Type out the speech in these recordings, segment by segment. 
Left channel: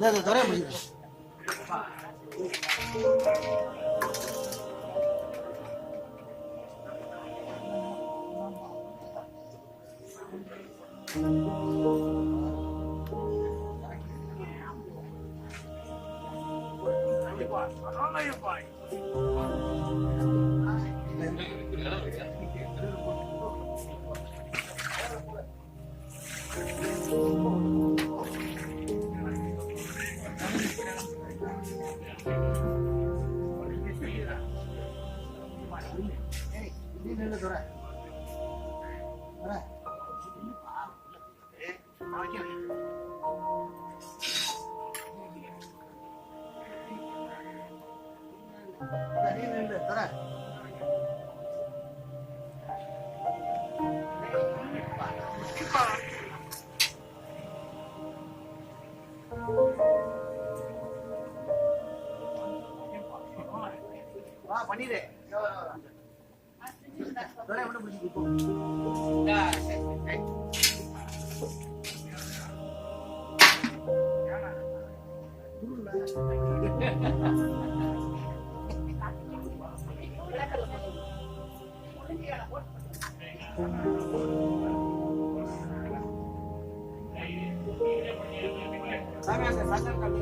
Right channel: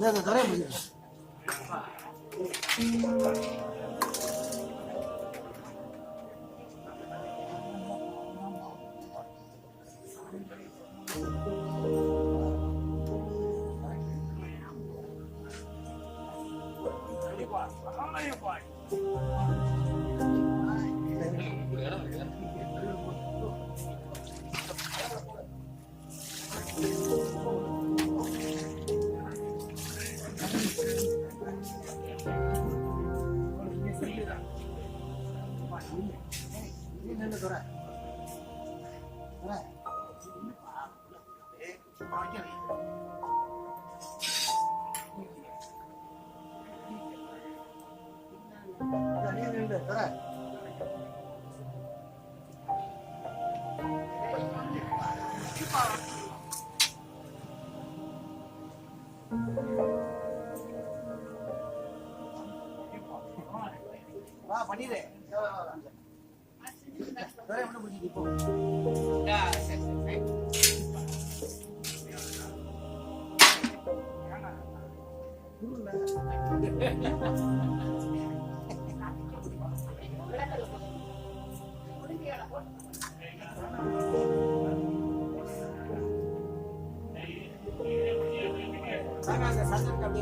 Nada, todavía muy bien. வா பண்ணிடு ஒரே ஒண்ணு முடிஞ்சு இப்போ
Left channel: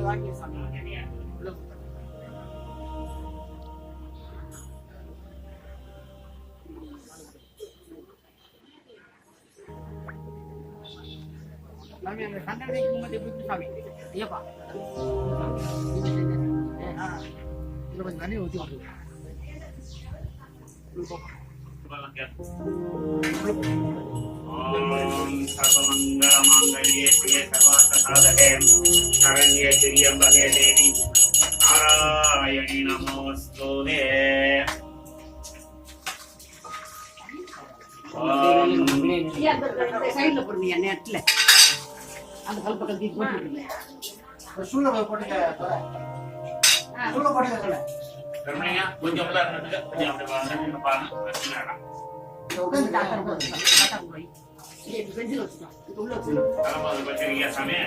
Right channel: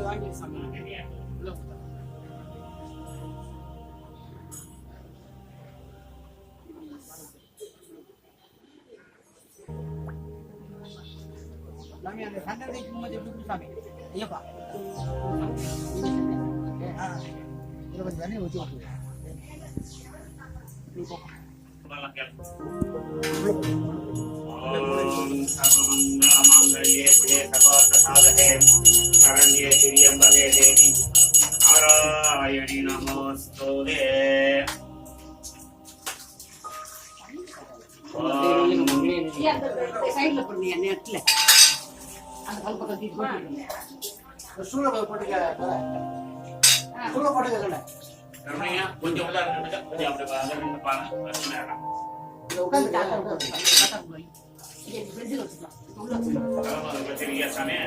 வாங்கி சாமி அந்த சந்தனத்தை குங்குமத்தை எப்படி சாமி ஐயப்பா இதில் கொஞ்சம் தண்ணி ஊற்றி விட்டுருங்க. सर्वमङ्गलमाङ्गल्ये प्रिये सर्वार्थसाधके शरण्ये त्र्यम्बके देवी नारायणी नमोस्तुते சைடுல போடுங்க நெட்ல அந்த கல் பக்கத்துல தீ போட்டுருங்க சூளை போட்டுக்க சூளை போட்டுக்க சொல்ல கருணையா கொஞ்சம் உள்ள இருந்துட்டு கொஞ்சம் அப்படி வந்து பாருங்க பிரச்சனை உட்காந்து டாக்டர் போடுங்க டாக்டர் போய் இது பெஞ்சில வச்சுக்கலாம் இது உள்ள வச்சுக்கலாம் தலைமை பத்திரிக்கை சாமி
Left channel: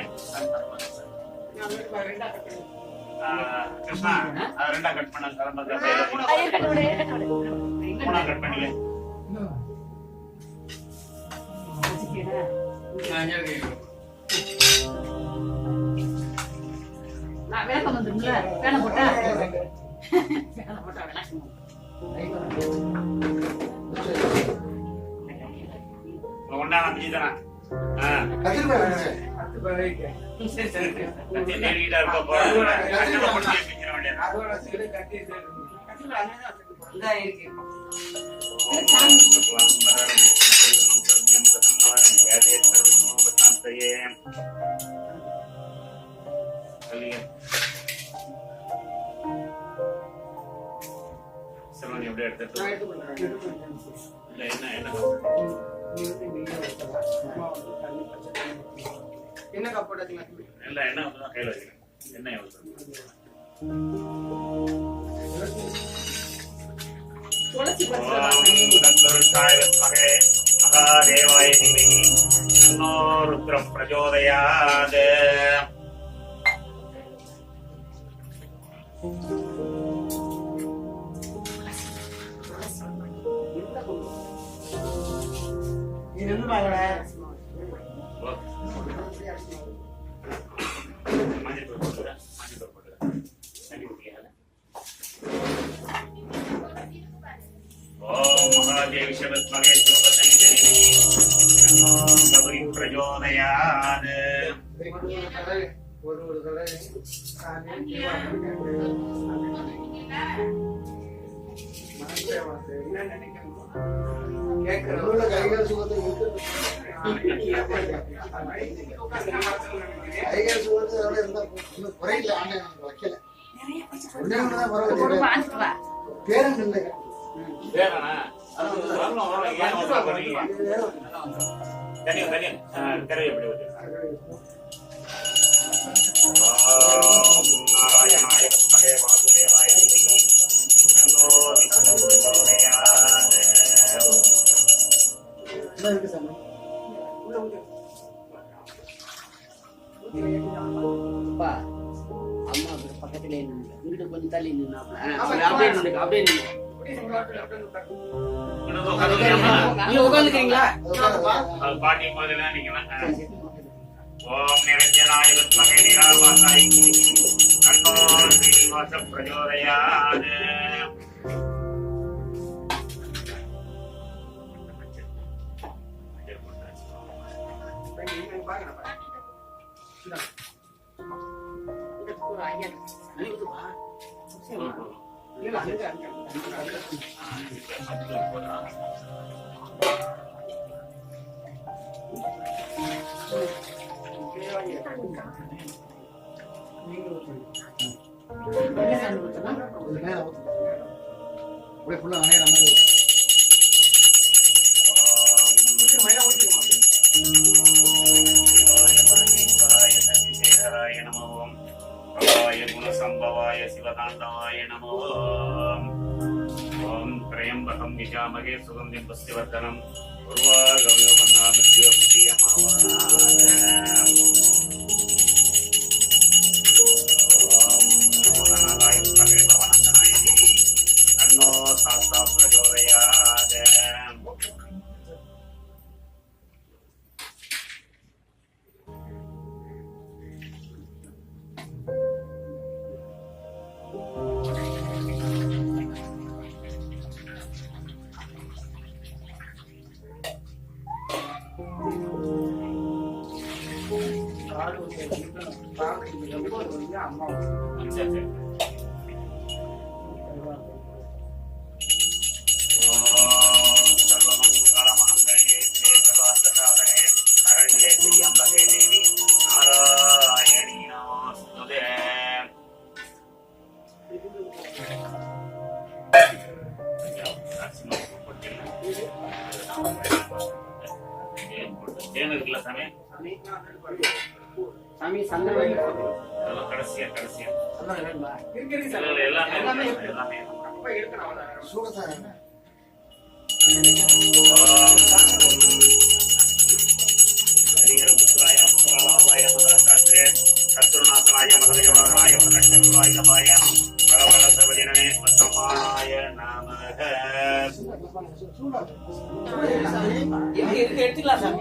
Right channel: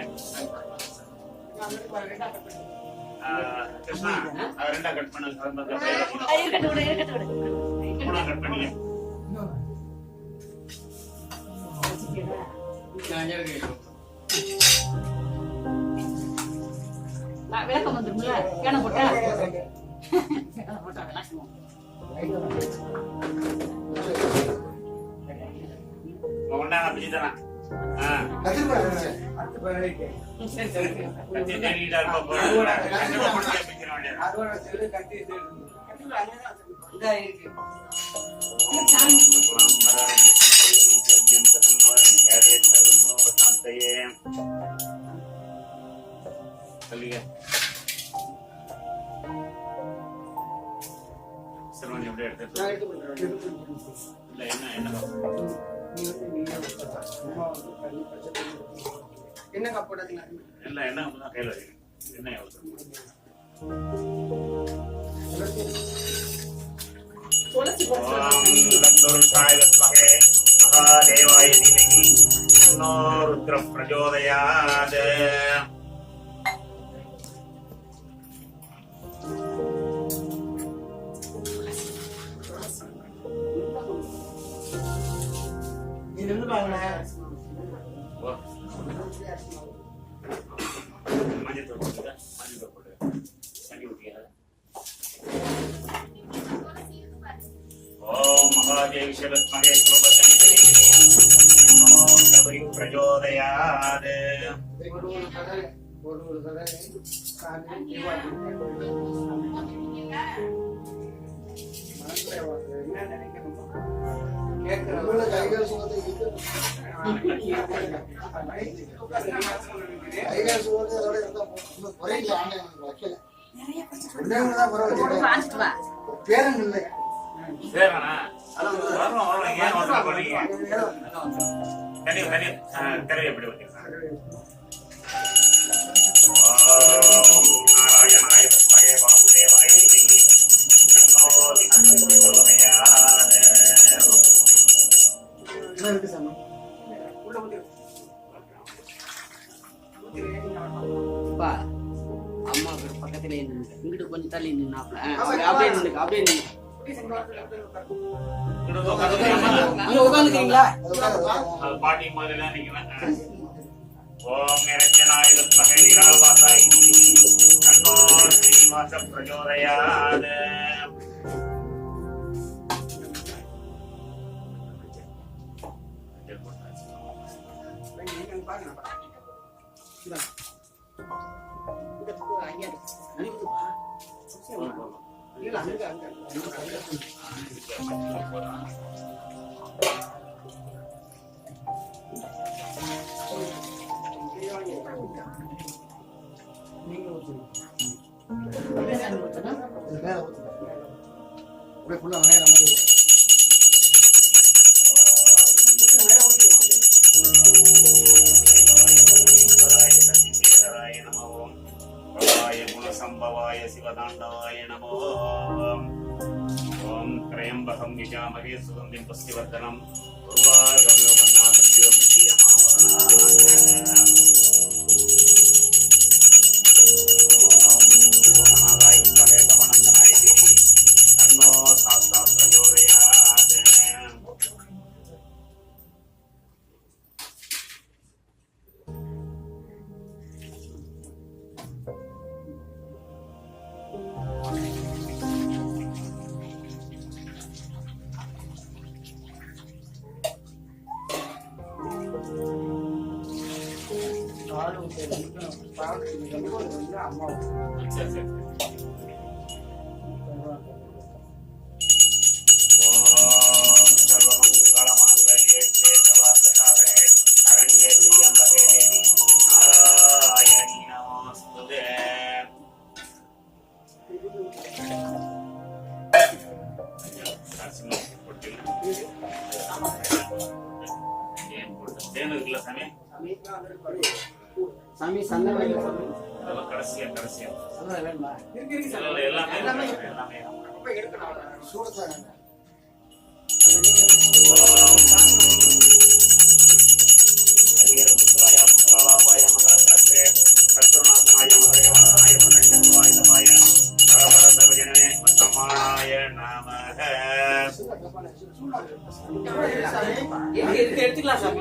கிருஷ்ணா அது ரெண்டா கட் பண்ண தலைமை இருக்கட்டும் மூணா கட் பண்ணிக்க விளக்கம் வந்துருங்களா பேனை போட்டா விளக்கம் ஒன்னா நம்பி தரேன் சிறுவன் எப்படி எடுத்து என்ன என்ன கப்போட்டீங்க எல்லாம் என்ன கையில வச்சுக்கேன் என்ன மகாதேவாய தீமகி தன்னோ ருத்ரம் பிரச்சோதயாத் இது பாருங்க மஞ்சள் போட்டுக்க தண்ணி ஊற்றிக்க ஓம் மகாதேவி சபத்மகே சோபதனி தன்னோ கபரி பிரச்சோதயாத் ஒரு தடவை என்ன நினைக்கணும் கைகள் சுகத்தை கைகாசு வந்து அதோட இருந்தா இன்னும் குறையில ஆன்லைன் வைக்கல. ஒண்ணே ஒண்ணுதான் குறை ஒரு வச்சுட்டேன். வாங்கிட்டு வா. பேரன் இல்லை. வேறண்ணா வரும் ஏன் வந்து பண்ணீங்க கறி எப்படி வச்சிருக்காங்க நாராயணாய பத்தகே வாசுதேவாய நன்னோ விஷ்ணுதோதயாத். என்ன இருக்கு சாமி? அப்பா, அம்மா பக்கத்துல இங்கிட்டு கொஞ்சம் தள்ளி நின்னாப்ல. அப்படியே நில்லுங்க, அப்படியே நில்லுங்க. நீங்க உட்காந்துக்கிறீங்களா? அது பாட்டி மாதிரி தான் நீங்க. ஓம் நிரஞ்சனாய வித்மஹே நிராபாசாய தன்னோ ஸ்ரீனிவாச பிரச்சோதயாத். இது மேல ஊத்துங்க. அப்படியே ஃபுல்லா நனையிற மாதிரி ஊத்து. குணசம்பவாய சிவதாண்டவாய நமோ. ஓம் திரையம்பகம் விஜாமகே சுகந்திம் புஷ்டிவர்தனம் தன்னோ சாஸ்தா பிரச்சோதயாத். அம்மா சரி சரி. ஓம் சர்வமங்களமாங்கல்யே சர்வார்த்தசாதனே சரண்யே திரியம்பகே தேவி நாராயணி நமோஸ்துதே. தேன் இருக்குல்ல சாமி, சாமி சந்தனம் அதெல்லாம் கடைசியா கடைசியா சந்தனம் வேணுமா? எல்லாமே எல்லாமே. சூடத்தாங்க. ஹரிஹரபுத்ராய புத்ராலாபாய மகாசாஸ்திரே சத்ருநாதனாய மதகவானாய மதகவாய பரவர சர்வஜனமே சமானாய நமக. எடுத்துக்கலாம் சாமி.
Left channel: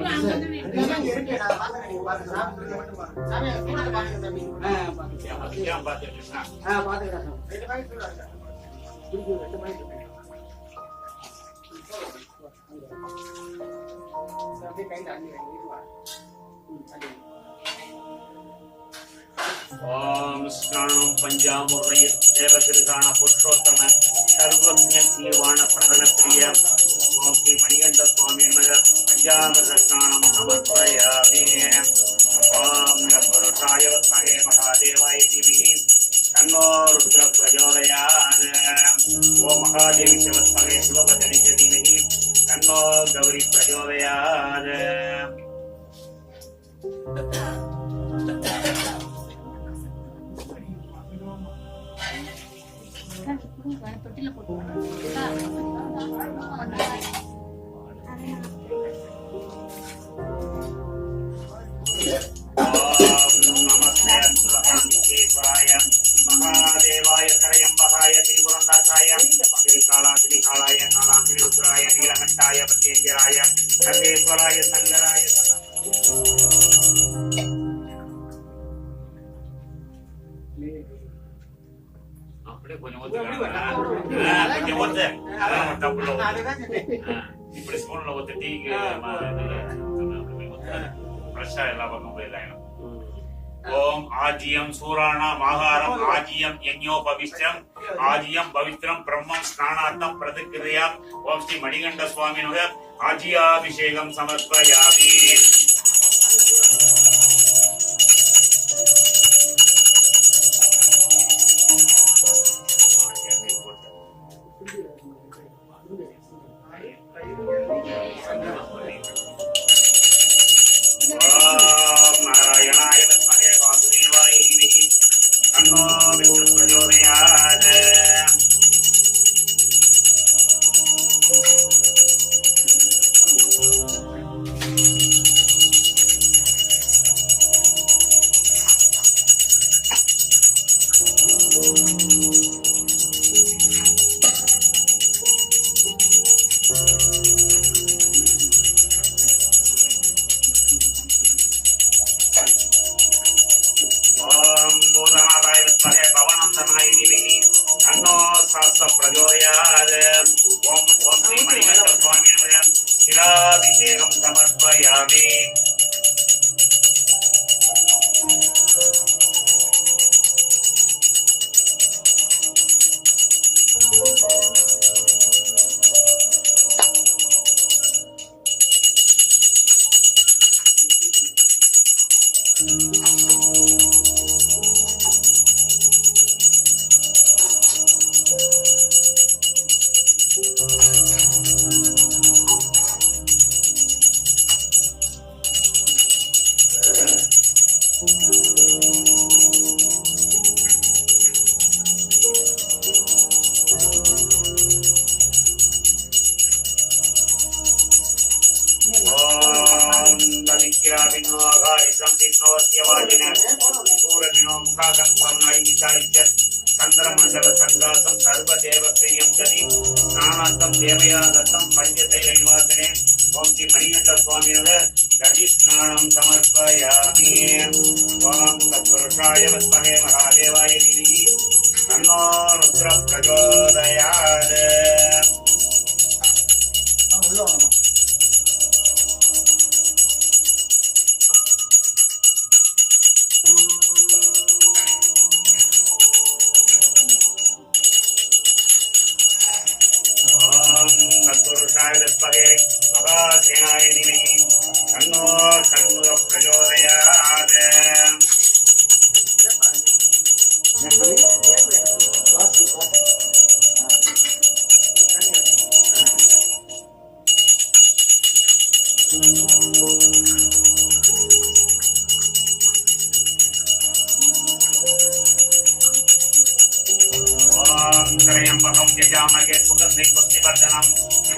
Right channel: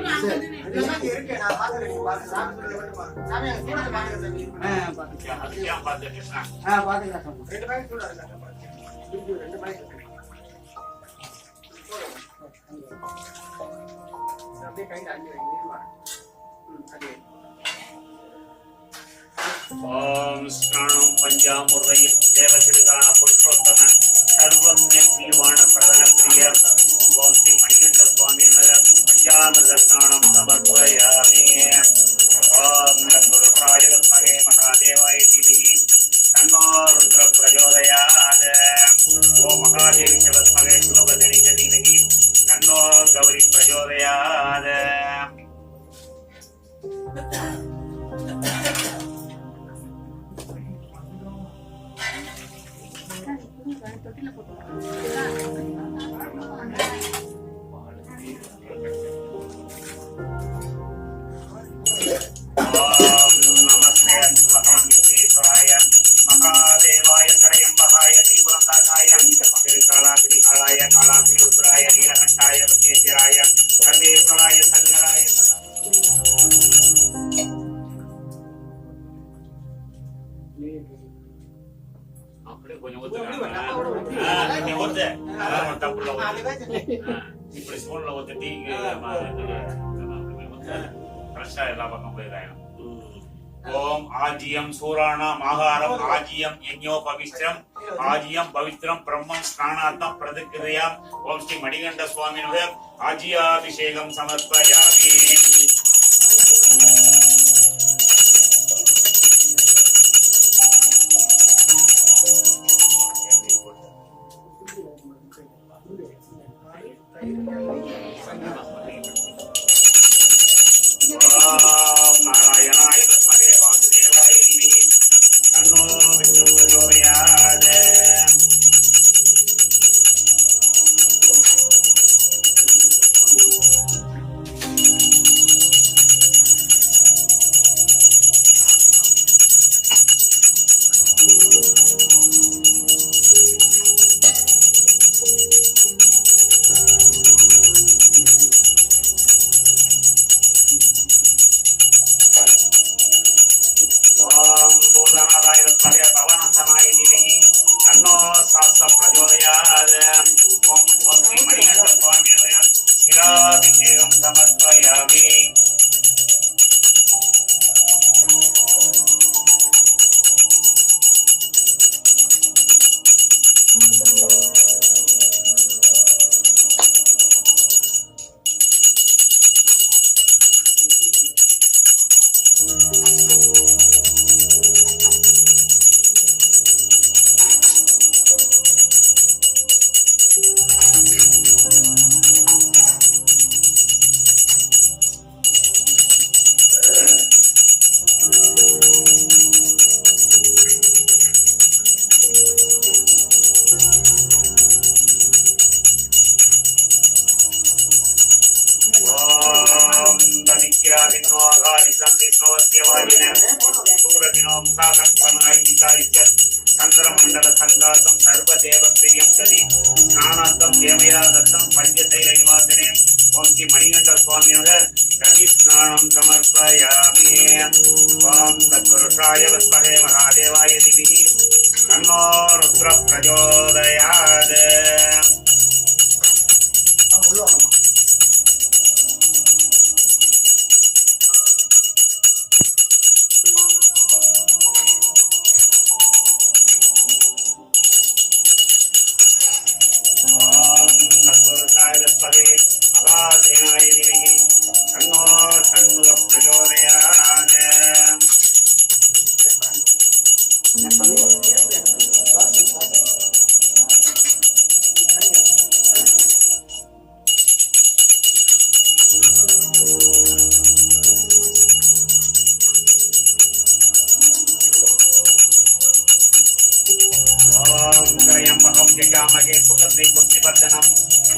பார்த்து கிருஷ்ணா பாத்துக்கலாம் சாமி. ஓம் ஸ்நானம் பஞ்சாமுர்தய தேவகிருகான புருஷோத்தம சர்வஜ்ஞ தீர்வாண சரண பிரிய ஓம் ஸ்ரீ மணிகண்ட சுவாமி பஞ்சாமிர்த ஸ்நானம் சமர்ப்பயாமி. ஓம் நத்வருஷாய வித்மஹே மகாதேவாய தீமஹி தன்னோ ருத்ர பிரச்சோதயாத். ஓம் மகாதேவி ச வித்மஹே சிவபதனி ச தீமஹி தன்னோ கௌரி பிரச்சோதயாத். தொட்டில போட்டு நமஸ்தே அஸ்வஹாய மகாதேவாய திரையம்பகாய திரிபுரந்தாகாய திருகாலாகிரிகாலாய காலாகிரி ருத்ராய நீலகண்டாய பத்யேந்திராய சர்வேஸ்வராய சங்கராய அப்படியே கொஞ்சம் இப்படி ஸ்பூன்ல ஊத்தி ஃப்ரெஷ்ஷா எல்லா பக்கம் போயிடலாம். ஓம் ஆஜியம் சூராணாம் ஆகாரம் ஆஜியம் யஜ்ஞோபவிஷ்டம் ஆஜியம் பவித்ரம் பிரம்மம் ஸ்நானார்த்தம் பிரதிக்கிரியாம். ஓம் ஸ்ரீ மணிகண்ட சுவாமினுடைய ஆஜியாபிஷேகம் சமர்ப்பயாமி. ஓம் நாராயணாய வித்மஹே வாசுதேவாய தீமஹி தன்னோ விஷ்ணு பிரச்சோதயாத். ஓம் பூதநாதாய வித்மஹே பவனந்தனாய தீமஹி தன்னோ சாஸ்த பிரச்சோதயாத். ஓம் ஓம் ஸ்ரீ மணிகண்ட சுவாமியே சிராபிஷேகம் சமர்ப்பயாமி. ஓம் தனிக்யாதினோ ஆகாரிசம் விஷ்ணோஸ்யவாதின சூரதினோ முகாகர்ப்பம் ஐதிகாயிச்சத் சந்திரமண்டல சங்காசம் சர்வதேவ பிரியம் கதி ஸ்நானார்த்தம் தேவயா தத்தம் பஞ்சதைல நிவாசனே ஓம் ஸ்ரீ மணிகண்ட சுவாமியோட கதி ஸ்நானம் சமர்ப்பயாமி. ஓம் தத்புருஷாய வித்மஹே மகாதேவாய தீமஹி தன்னோ ருத்ர பிரச்சோதயாத். உள்ள வரணும். ஓம் தத்புருஷாய வித்மஹே மகாசேனாய தீமஹி தன்னோ சண்முக பிரச்சோதயாத். வாசி, வாசி. ஓம் திரையம்பகம் யஜாமகே சுகந்தி புஷ்டிவர்தனம்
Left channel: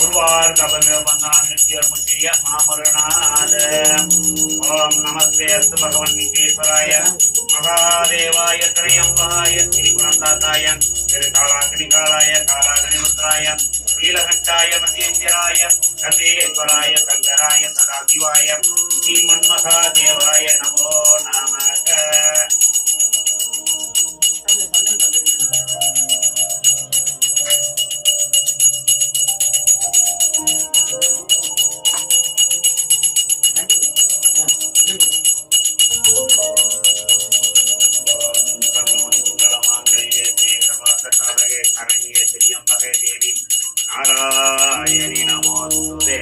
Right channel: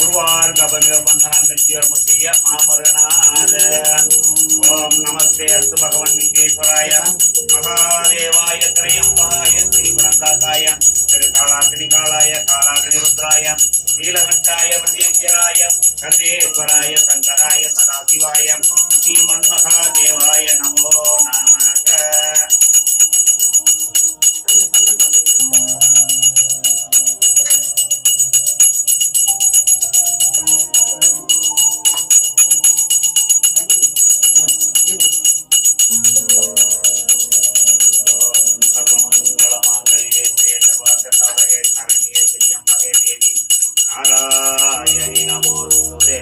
உர்வார்கபந்தனான் நித்யோர்முச்சிய மாமருணாத். ஓம் நமஸ்தே அஸ்து பகவன் விக்னேஸ்வராய மகாதேவாய திரையம்பகாய திரிபுரந்தாதாய திருகாலாகினிகாலாய காலாகினிருத்ராய நீலகண்டாய மதேந்திராய சந்தேஸ்வராய சங்கராய சதாசிவாய ஸ்ரீமன்மகாதேவாய நமோ நமக. ஓம் சர்வமங்களமாங்கல்யே சர்வார்த்தசாதகே சரண்யே திரியம்பகே தேவி நாராயணி நமோஸ்துதே.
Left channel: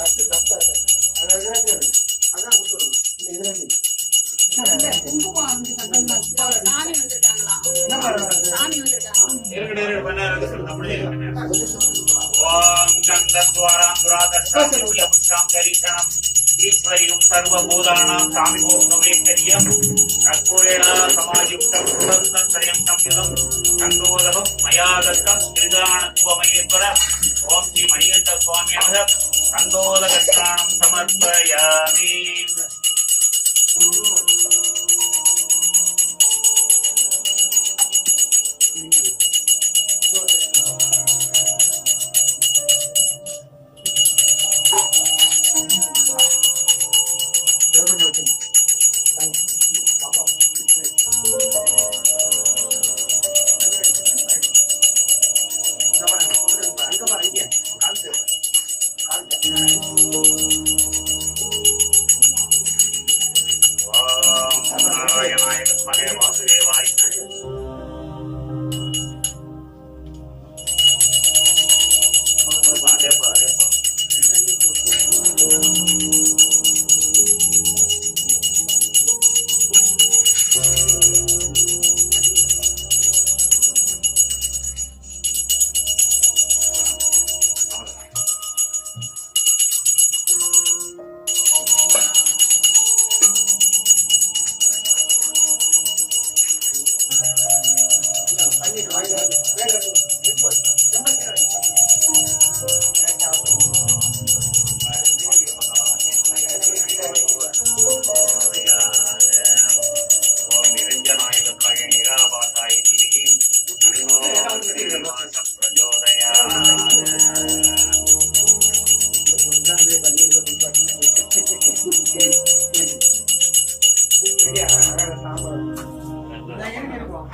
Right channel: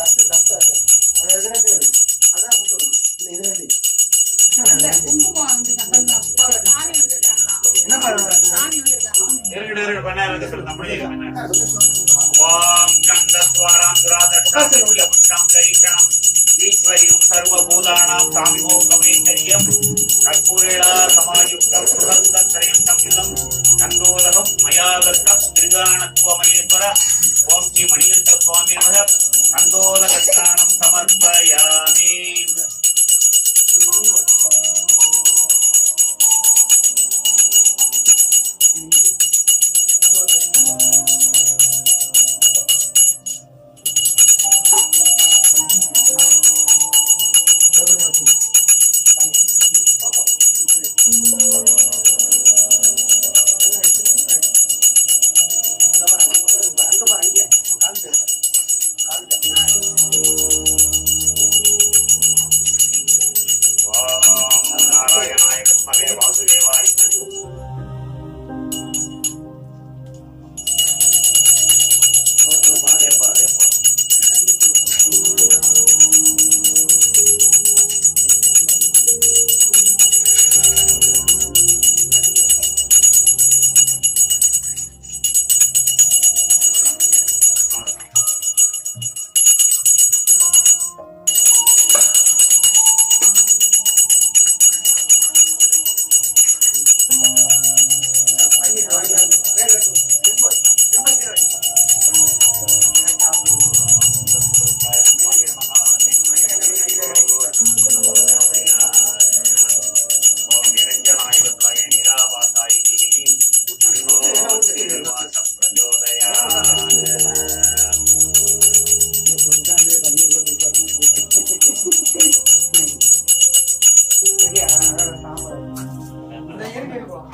கஷ்டம் கஷ்டம் அது எதிராக அதான் கொடுத்துருவோம். இது ரெண்டு குங்குமம் வந்து சாமி வந்துட்டாங்களாம். என்ன பண்ணுறது? சாமி வந்துட்டாங்க. இருடு பண்ணாரு அப்படியே கொஞ்சம் சொல்லுங்க. ஓம் கந்தத்வாராம் துராதர்ஷாம் புஷ்டாம் தரிசனம் ஈஸ்வரியும் சர்வபூதானாம் சாமிகோ கவனேச்சரியம் கற்பூரேணா சமாயுக்தம் சுகந்தத்ரயம் சம்யுதம் கண்டோதகம் மயாதர்க்கம் திரிதானத்வமயேஸ்வர. ஓம் ஸ்ரீ மணிகண்ட சுவாமியாக கண்டோதகஸ்நானம் சமர்ப்பயாமி. சரியா? அழகா சாம்பார். நான் இருக்கு இருக்கும்.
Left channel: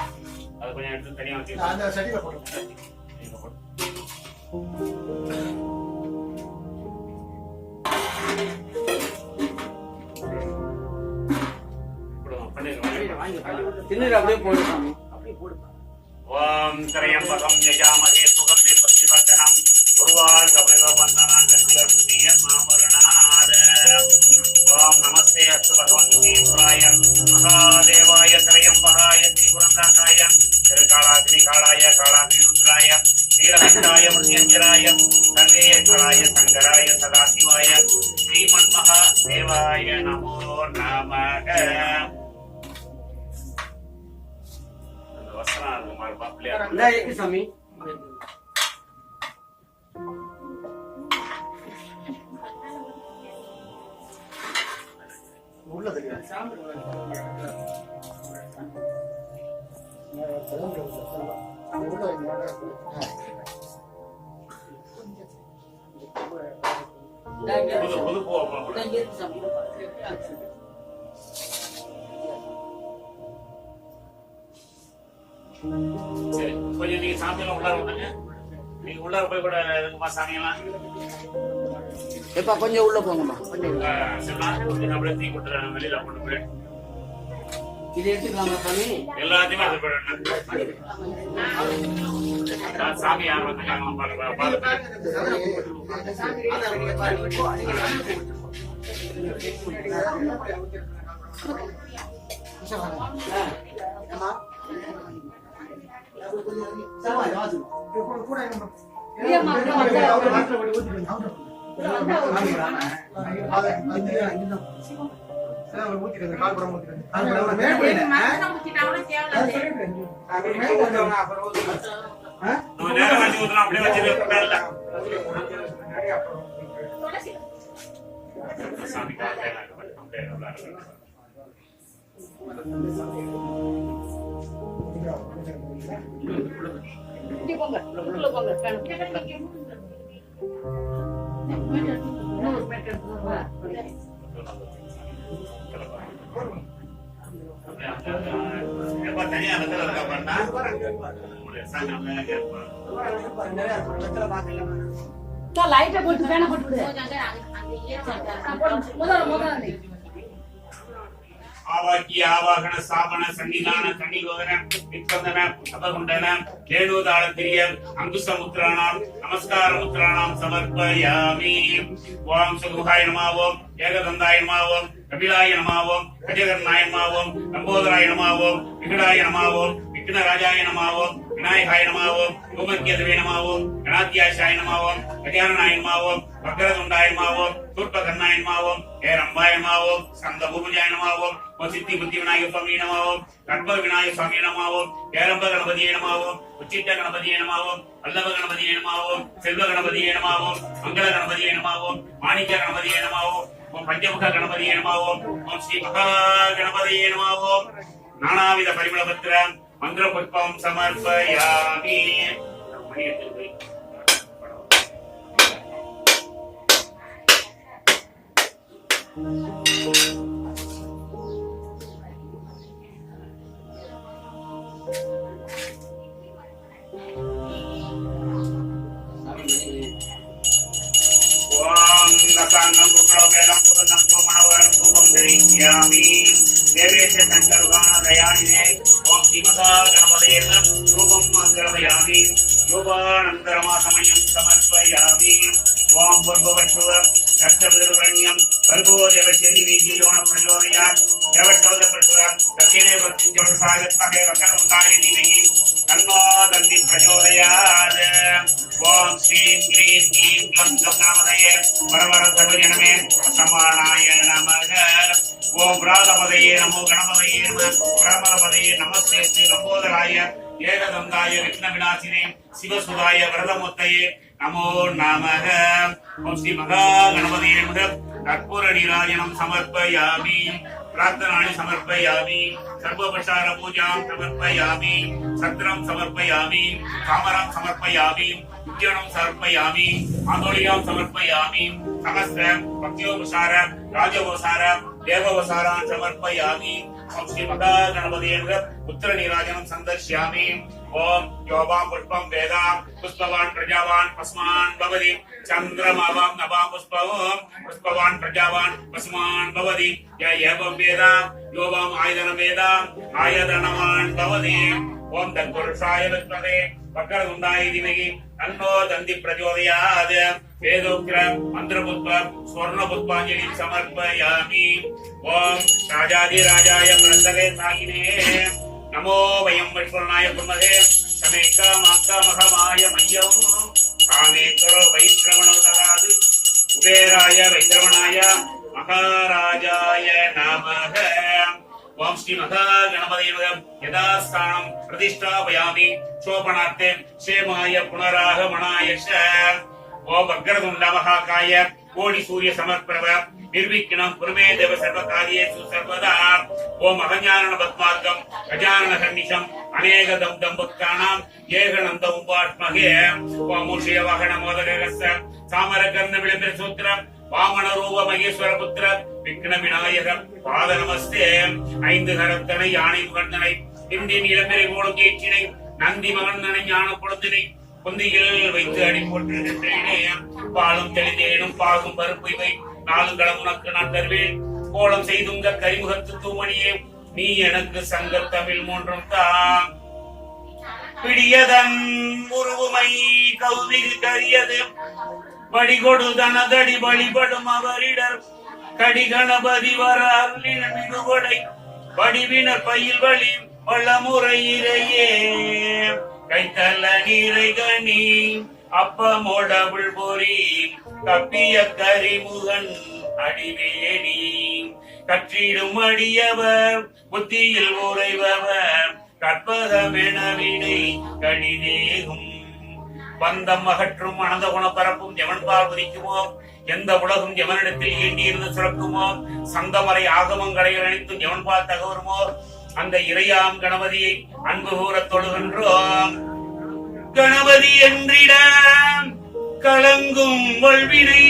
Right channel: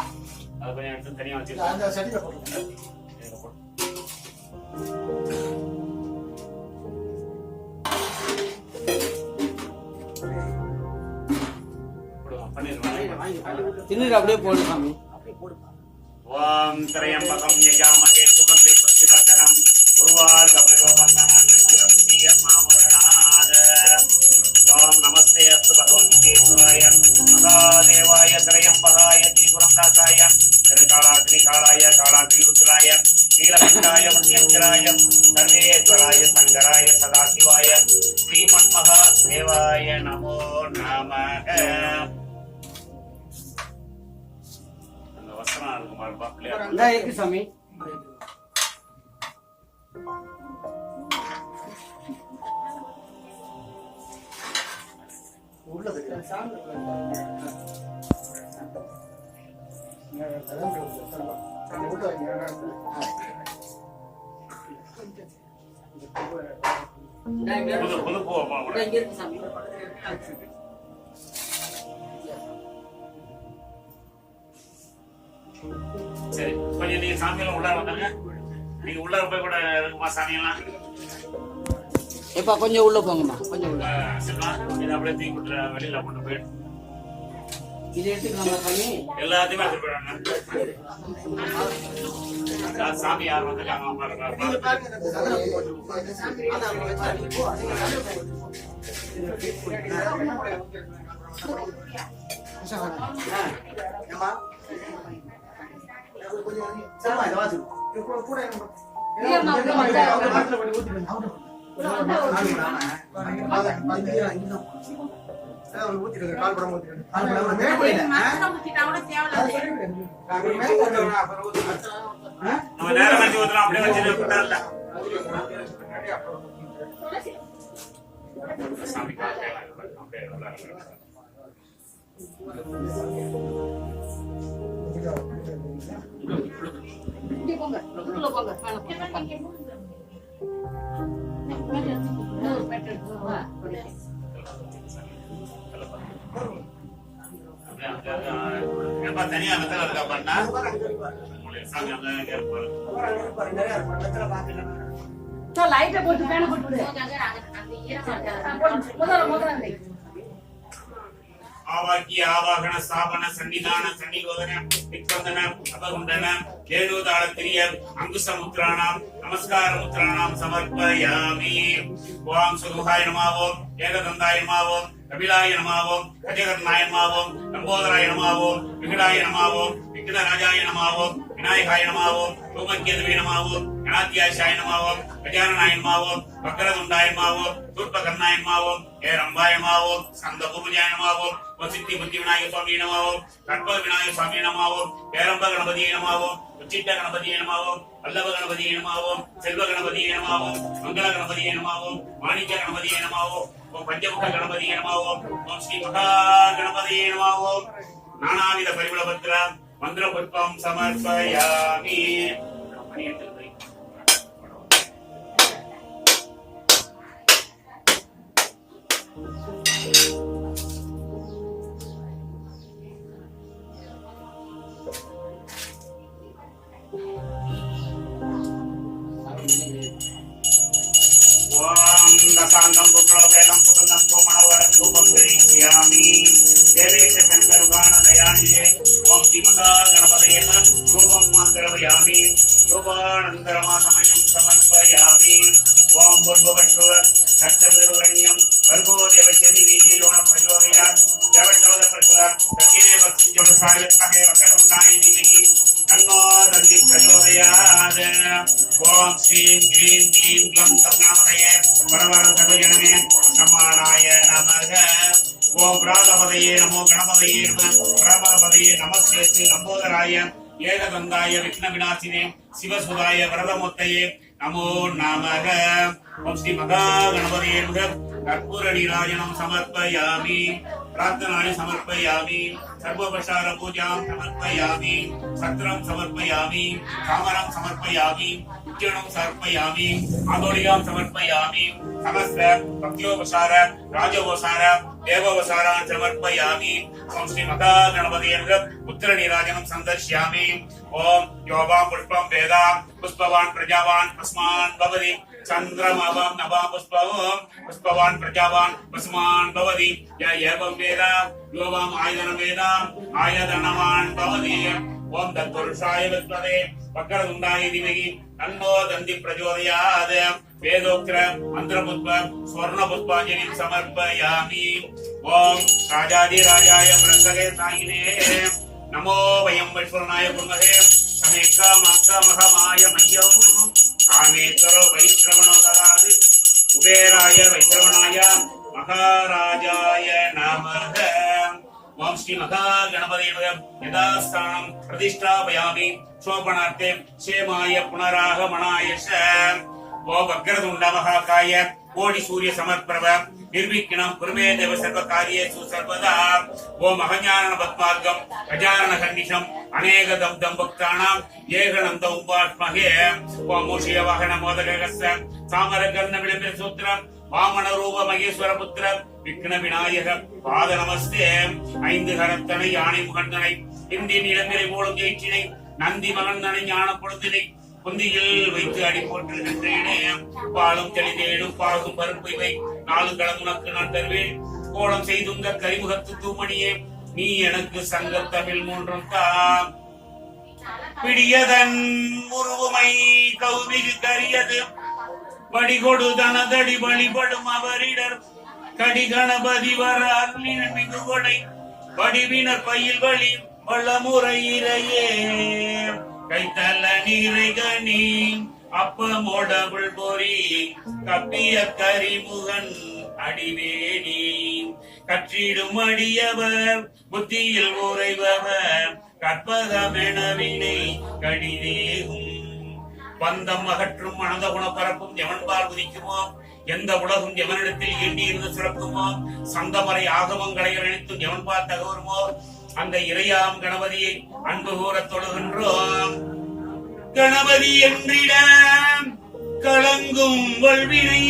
அது கொஞ்சம் எடுத்து தனியா வச்சு அந்த சட்டியில போட்டு. தின்னு அப்படியே போங்க சாமி. ஓம் திரையம்பகம் யஜாமகே சுகந்தே பக்திவர்தனம் குருவார் கபிலவந்தனான் கத்திய மாமரணாத. ஓம் நமஸ்தே அஸ்து பகவந்தே சுராய மகாதேவாய திரையம்பகாய திரிபுரந்தாசாய திருகாலாக்னிகாலாய காலாக்னிருத்ராய வீரபண்டாய முனியஞ்சராய சர்வேஸ்வராய சங்கராய சதாசிவாய ஸ்ரீமன்மகா தேவாய நமோ நமக. வசனம் இருக்கு மாறுபா பிள்ளையா. இந்தா இருக்கு சாமி. உள்ள தெரியும். புது பூ இந்தா இங்க இருக்கு சாமி. சரி கொஞ்சம் நீங்க சாமியெல்லாம் உள்ளார வந்தாங்க. நீங்க உள்ளார போய் கூட இருக்குமா சாமியெல்லாம் இப்ப கொஞ்சம் உள்ள போங்கம்மா. கொஞ்சம் உள்ள. கொஞ்சம் அப்படியே தீ கொடுத்துற வெளியில கொண்டு போய் இது எடுத்துக்கலாமா சாமி? எல்லாத்தையுமே எடுத்து போயிடுவேன். சாமி யார் வந்துருக்காங்க பாருங்க. நம்ம நேரம் வச்சு ஊத்துறோம் அப்படியே வச்சுட்டு சாமி இங்க போங்க உள்ள போங்க தனியா வெத்தல இருக்கா பண்ணா சாமி லைட்டை போட்டு பேனை போட்டு விடு. முதல்ல ஆவாக்கிய ஆவாகன ஸ்தாபன சன்னிதான சன்னிகோதன விக்கந்தன அபகுண்டன லேணுதாளத்திரிய அங்குசமுத்ராணாம் நமஸ்காரமுத்ராணாம் சமர்ப்பயாமி. ஓம் சுகுஹாய நமாவோம் ஏகதந்தாய நமாவோம் கபிலாய நமாவோம் கஜகர்ணாய நமாவோம் லம்போதராய நமாவோம் விகடாய நமாவோம் விக்னராஜாய நமாவோம் விநாயகாய நமாவோம் பூமக்கியதுவே நமாவோம் கணாத்தியாசாய நமாவோம் கஜானனாய நமாவோம் வக்ரதுண்டாய நமாவோம் தூர்பகர்ணாய நமாவோம் ஏரம்பாய நமாவோம் ஸ்கந்தபூர்வஜாய நமாவோம் சித்தி புத்தி விநாயக சுவாமி நமாவோம் கற்பக விநாயக சுவாமி நமாவோம் ஏரம்ப கணபதியை நமாவோம் உச்சிட்ட கணபதியை நமாவோம் வல்லப கணபதியை நமாவோம் செல்வ கணபதியை நமாவோம் மங்கள கணபதியை நமாவோம் மாணிக்க கணபதியை நமாவோம் ஓம் பஞ்சமுக கணபதியை நமாவோம் ஓம் ஸ்ரீ மகா கணபதியை நமாவோம். நானாவித பரிமளபத்ர மந்திர புஷ்பம் சமர்ப்பயாமி. ஓம் ரசாங்கம் குக்லோபேதம் புதந்தம் கோமணவரம் தூபம் தரிஷ்யாமி. தேவேஷ சங்கர்வான தயானிதே ஓம் ஸ்ரீ மகா கணபதேன ரூபம் கிரவயாமி. யோகானந்தரமாசமயம் சமர்ப்பயாமி. ஓம் பூர்வவற்றுவ கஷ்டவிருவரண்யம் பர்கோ தேவசேதி வீஜீரோண பிரஜோதயாத் தேவட்டவத பிரசுர தக்கினே வக்திஜோட சாயத்தாக வக்கரமுண்டானே தீமகி தன்னோ தன்னி பிரஜோதயாத். ஓம் ஸ்ரீம் க்ரீம் க்ளீம் க்ளம் கம் நாமதயே வரவர சர்வஜனமே சமானாய நமக. ஓம் ராதபதயே நமோ கணபதயே நம பிரமதபதயே நமஸ்தே ஸ்ரீ லம்போதராய ஏகதந்தாய விக்ன விநாசினே சிவசுதாய வரதமூர்த்தயே நமோ நமக. ஓம் ஸ்ரீ மகா கணபதியே நம கற்பூர நீராஜனம் சமர்ப்பயாமி. பிரார்த்தனானி சமர்ப்பயாமி. सर्वोपचार पूजां समर्पयामि सत्रं समर्पयामि कामरं समर्पयामि उद्यानं समर्पयामि आंदोलिकां समर्पयामि समस्त भक्त्योपचार राजोपचार देवोपचारान् समर्पयामि ओम श्री माता गणपतिये उत्तर नीराजनं संदर्शयामि ओम योबां पुष्पं वेदां पुष्पवान् प्रजावान् पस्मान् भवति चन्द्रमावां नवां पुष्पवान् प्रजावान् पस्मान् भवति य एवं वेदां योबां आयदनं वेदां आयदनवान् भवति ओम तत्पुरुषाय विद्महे वक्रतुण्डाय धीमहि तन्नो दन्ति प्रचोदयात् वेदोक्त्र मंत्रपुष्प स्वर्णपुष्पाञ्जलिं समर्पयामि ओम राजाधिराजाय प्रसगे सायिने नमो वयं वैश्वरणाय कुर्महे समेकामाकामहमाय मह्यं कामेश्वरो वैश्रवणो ददातु कुबेराय वैश्रवणाय महाराजाय नमः ओम श्री महा गणपतये नमः यथास्थानं प्रतिष्ठापयामि शोभनार्थे क्षेमाय पुनरागमनाय च ओम वक्रतुण्ड महाकाय कोटि सूर्य समर्प्रभ निर्विघ्नं कुरुमे देव सर्वकार्येषु सर्वदा ओम अगजानन पद्मार्गं गजानन खण्डिशं अनेकदं दम्भक्तानां येगणन्तं उपास्महे ओम मूषिय वाहन मोदकस्य सामरकर्ण विलपिरसूत्रं वामन रूप महेश्वर पुत्र विघ्न विनायक पाद नमस्ते ஐந்து கரத்தனை யானை முகந்தனை இந்தி நிலம்பெறை போலும் ஏற்றினை நந்தி மகந்தனை ஞான பொழுதினை குந்தியில் வைத்து அடி போட்டிருக்கின்றேனே பாலும் தெளிதேனும் பாகும் பருப்பு இவை நாளும் களம் உனக்கு நான் தருவேன் கோலம் செய்துங்க கரிமுகத்து தூமணியே நீ எனக்கு சங்க தமிழ் மூன்றும் தான் பிடியதன் உருவுமை கௌவிகு கரியது வடிகொடு தனதடி வழிபடும் அவரிடர் கடி கணபதி வர அருளின மிகுகொடை வடிவினர் பயில் வழி வளமுறையிலேயே கைத்தல நீரை கனி அப்பமோடபுள் பொறி கப்பிய கரிமுகன் அடிவேணி கற்றிடும் அடியவர் புத்தியில் உறைபவர் கற்பகமெனவினை கடிதேகும் பந்தம் அகற்றும் அனந்த குணப்பரப்பும் எவன்பால் உதிக்குமோ எந்த உலகும் எவனிடத்தில் ஈண்டியிருந்து சுரக்குமோ சந்தமறை ஆகமங்களை அனைத்தும் எவன்பால் தகவருமோ அந்த இறையாம் கணபதியை அன்பு கூற தொழுகின்றோம் கணபதி என்றிட கலங்கும் வல்வினை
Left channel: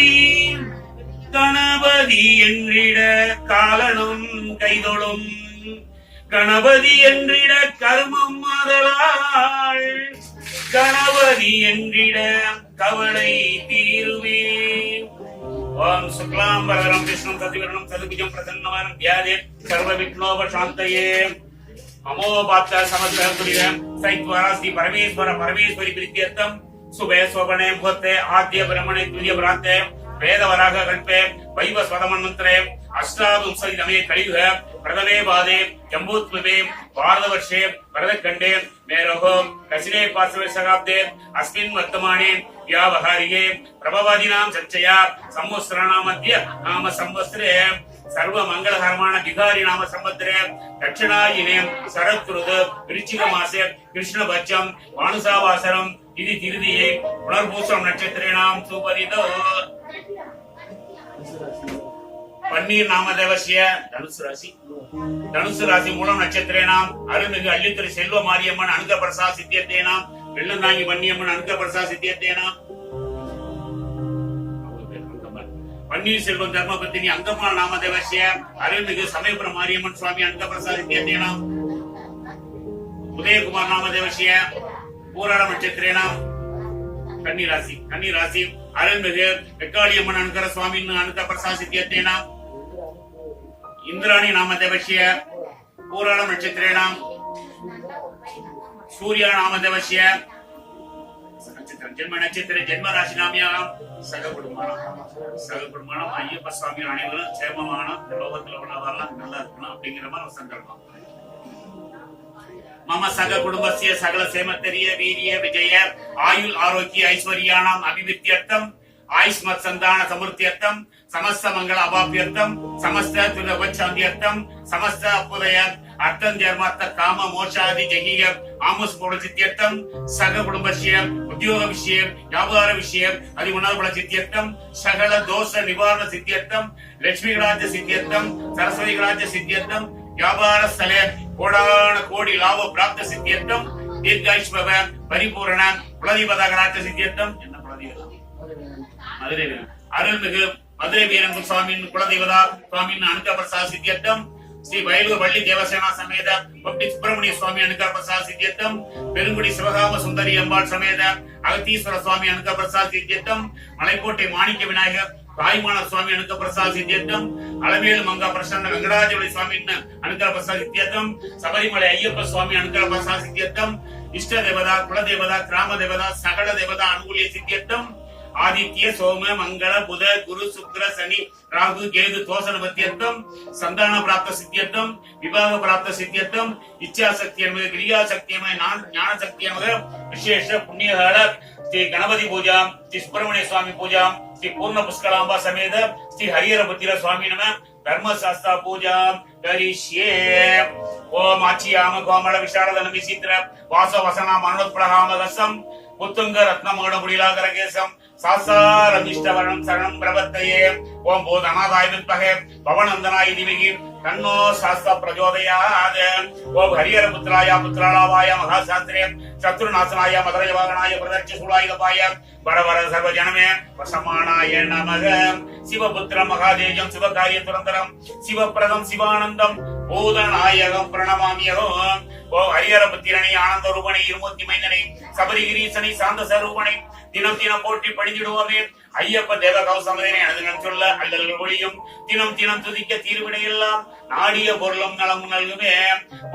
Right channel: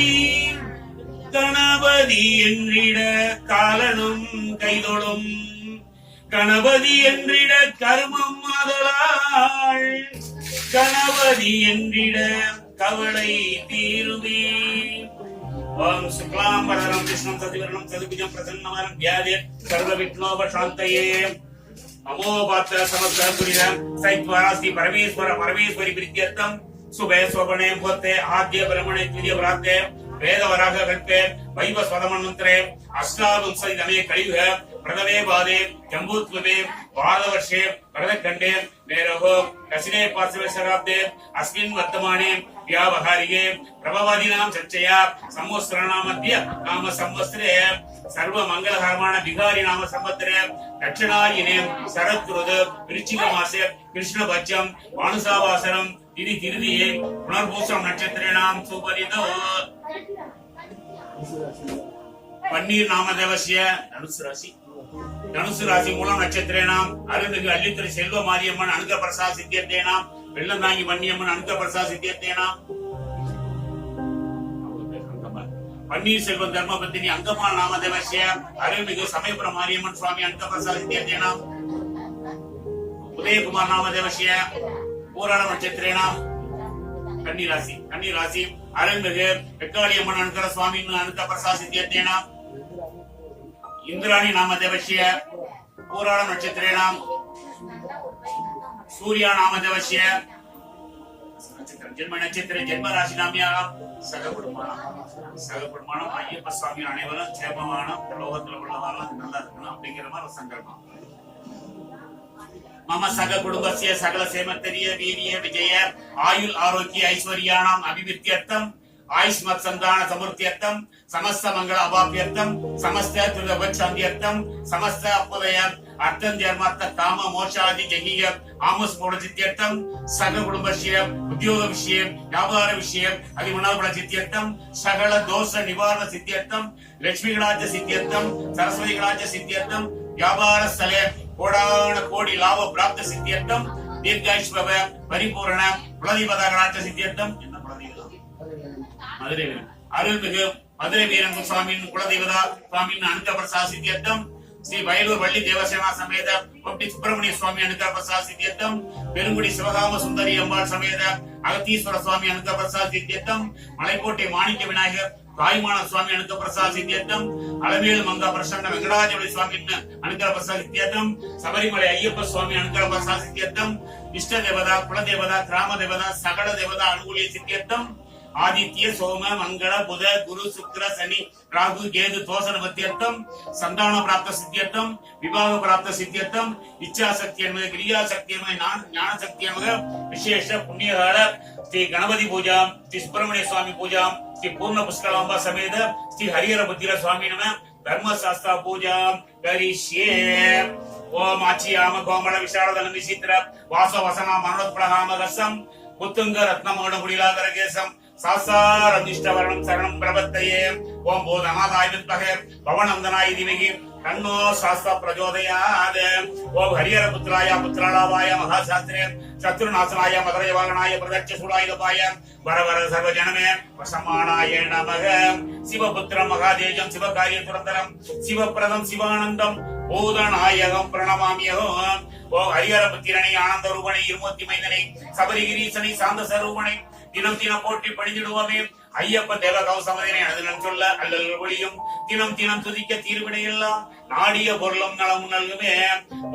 கணபதி என்றிட காலனும் கைதொடும் கணபதி என்றிட கர்மம் ஆதலால் கணபதி என்றிட கவலை தீருவே ஓம் சுக்லாம் வரதரம் விஷ்ணும் சதிவரணம் சதுபுஜம் பிரசன்னவரம் வியாதே சர்வ விக்னோபசாந்தயே அமோபாத்த சமஸ்த துரிதம் சைத்வராஸ்தி பரமேஸ்வர பரமேஸ்வரி பிரித்யர்த்தம் சுபே சோபனே முகூர்த்தே ஆத்ய பிரம்மணே துரிய பிராத்தே வேதவராக கல்பே வைவ ஸ்வதமன்மந்திரே அஷ்டாவிம்சதிதமே கலியுக பிரதமே பாதே ஜம்பூத்விபே பாரதவர்ஷே பரதக்கண்டே மேரோகோ கசினே பார்சவே சகாப்தே அஸ்மின் வர்த்தமானே வியாவகாரியே பிரபவாதினாம் சர்ச்சையா சம்வத்சரநாமத்ய நாம சம்வத்சரே சர்வ மங்களகரமான பிகாரி நாம சம்பத்ரே தட்சிணாயினே சரத்ருது விருச்சிக மாசே கிருஷ்ணபட்சம் மானுசாவாசரம் இது திருதியே புனர்பூசம் நட்சத்திரேனாம் சுபரிதோ பன்னீர் நாமதேவசிய தனுசு ராசி மூலம் நட்சத்திரேனாம் அருள்மிகு அள்ளித்துறை செல்வ மாரியம்மன் அனுக பிரசாத் சித்தியத்தேனாம் வெள்ளந்தாங்கி மன்னியம்மன் அனுக பிரசாத் சித்தியத்தேனாம் பன்னீர் செல்வம் தர்மபத்தினி அங்கம்மாள் நாமதேவசிய அருள்மிகு சமயபுரம் மாரியம்மன் சுவாமி அனுக பிரசாத் சித்தியத்தேனாம் உதயகுமார் நாமதேவசிய பூராடம் நட்சத்திரேனாம் கன்னிராசி அருள்மிகு வெக்காளியம்மன் அனுகர சுவாமி அனுக பிரசாத் சித்தியத்தேனாம் இந்திராணி நாமதேவசிய பூராடம் நட்சத்திரேனாம் சூர்யா நாமதேவசிய ஜென்ம நட்சத்திர ஜென்ம ராசி நாமியாம் சககுடுமானம் ஐயப்ப சுவாமி அனைவரும் சேமமான லோகத்துல உள்ளவரெல்லாம் நல்லா இருக்கணும் அப்படிங்கிற மாதிரி ஒரு சங்கல்பம் மம சக குடும்பசிய சகல சேமத்தரிய வீரிய விஜய ஆயுள் ஆரோக்கிய ஐஸ்வர்யானாம் அபிவிருத்தியர்த்தம் ஆயுஷ்மத் சந்தான சமுர்த்தியர்த்தம் சமஸ்த மங்கள அபாபியர்த்தம் சமஸ்த துரபச்சாந்தியர்த்தம் சமஸ்த அப்புதய அர்த்தம் ஜர்மார்த்த காம மோட்சாதி ஜெகிக ஆமுஸ் போட சித்தியர்த்தம் சக குடும்பசிய உத்தியோக விஷயம் வியாபார விஷயம் அதிமுனாபல சித்தியர்த்தம் சகல தோஷ நிவாரண சித்தியர்த்தம் லட்சுமி கடாச்ச சித்தியர்த்தம் சரஸ்வதி கடாச்ச சித்தியர்த்தம் வியாபார ஸ்தலே கோடான கோடி லாப பிராப்த சித்தியர்த்தம் தீர்காயுஷ்பவ பரிபூரண குலதீபதாகராட்ச சித்தியர்த்தம் என்ன குலதீபம் மதுரை அருள்மிகு மதுரை வீரங்கு சுவாமியின் குலதெய்வதா சுவாமியின் அனுகிரக பிரசாத சித்தியர்த்தம் ஸ்ரீ வயலூர் வள்ளி தேவசேனா சமேத பொட்டி சுப்பிரமணிய சுவாமி அனுகிரக பிரசாத சித்தியர்த்தம் பெருங்குடி சிவகாம சுந்தரி அம்பாள் சமேத அகத்தீஸ்வர சுவாமி அனுகிரக பிரசாத சித்தியர்த்தம் மலைக்கோட்டை மாணிக்க விநாயகர் தாய்மான சுவாமி அனுகிரக பிரசாத சித்தியர்த்தம் அலமேலு மங்கா பிரசன்ன வெங்கடாஜலி சுவாமி அனுகிரக பிரசாத சித்தியர்த்தம் சபரிமலை ஐயப்ப சுவாமி அனுகிரக பிரசாத சித்தியர்த்தம் இஷ்ட தேவதா குலதேவதா கிராம தேவதா சகல தேவதா அனுகூலிய சித்தியர்த்தம் ஆதித்ய சோம மங்கள புத குரு சுக்கிர சனி ராகு கேது தோசன பத்தியர்த்தம் சந்தான பிராப்த சித்தியர்த்தம் விவாக பிராப்த சித்தியர்த்தம் இச்சா சக்தியமக கிரியா சக்தியமக ஞான சக்தியமக விசேஷ புண்ணியகால ஸ்ரீ கணபதி பூஜா ஸ்ரீ சுப்பிரமணிய சுவாமி பூஜா ஸ்ரீ பூர்ண புஷ்கலாம்பா சமேத ஸ்ரீ ஹரிஹர புத்திர சுவாமி நம தர்மசாஸ்திரா பூஜா கரிஷ்யே ஓம் ஆச்சியாம கோமள விஷாரதன விசித்திர வாச வசனா மனோத்பலகாம ரசம் புத்துங்க ரத்னமோட குடிலாகரகேசம் சாசாரம் இஷ்டவரணம் சரணம் பிரபத்தையே ஓம் போதநாதாய வித்மகே பவனந்தனாய திமகி தன்னோ சாஸ்தா பிரச்சோதயாத் ஓம் ஹரிஹர புத்ராய புத்ராளாவாய மகாசாஸ்திரே சத்ருநாசனாய மதுரயவாகனாய பிரதட்ச சூடாயுதபாய வரவர சர்வஜனமே வசமானாய நமக சிவபுத்திரம் மகாதேஜம் சிவகாரிய துரந்தரம் சிவப்பிரதம் சிவானந்தம் பூதநாயகம் பிரணமாமியகம் ஓ ஹரிஹர புத்திரனை ஆனந்த ரூபனை இருமூர்த்தி மைந்தனை சபரிகிரீசனை சாந்த சரூபனை தினம் தினம் போற்றி பணிந்திடுவோமே ஐயப்ப தேவ கௌசமதனை அனுதினம் சொல்ல அல்லல் ஒளியும் தினம் தினம் துதிக்க தீர்வினை எல்லாம் நாடிய பொருளும் நலமும் நல்குமே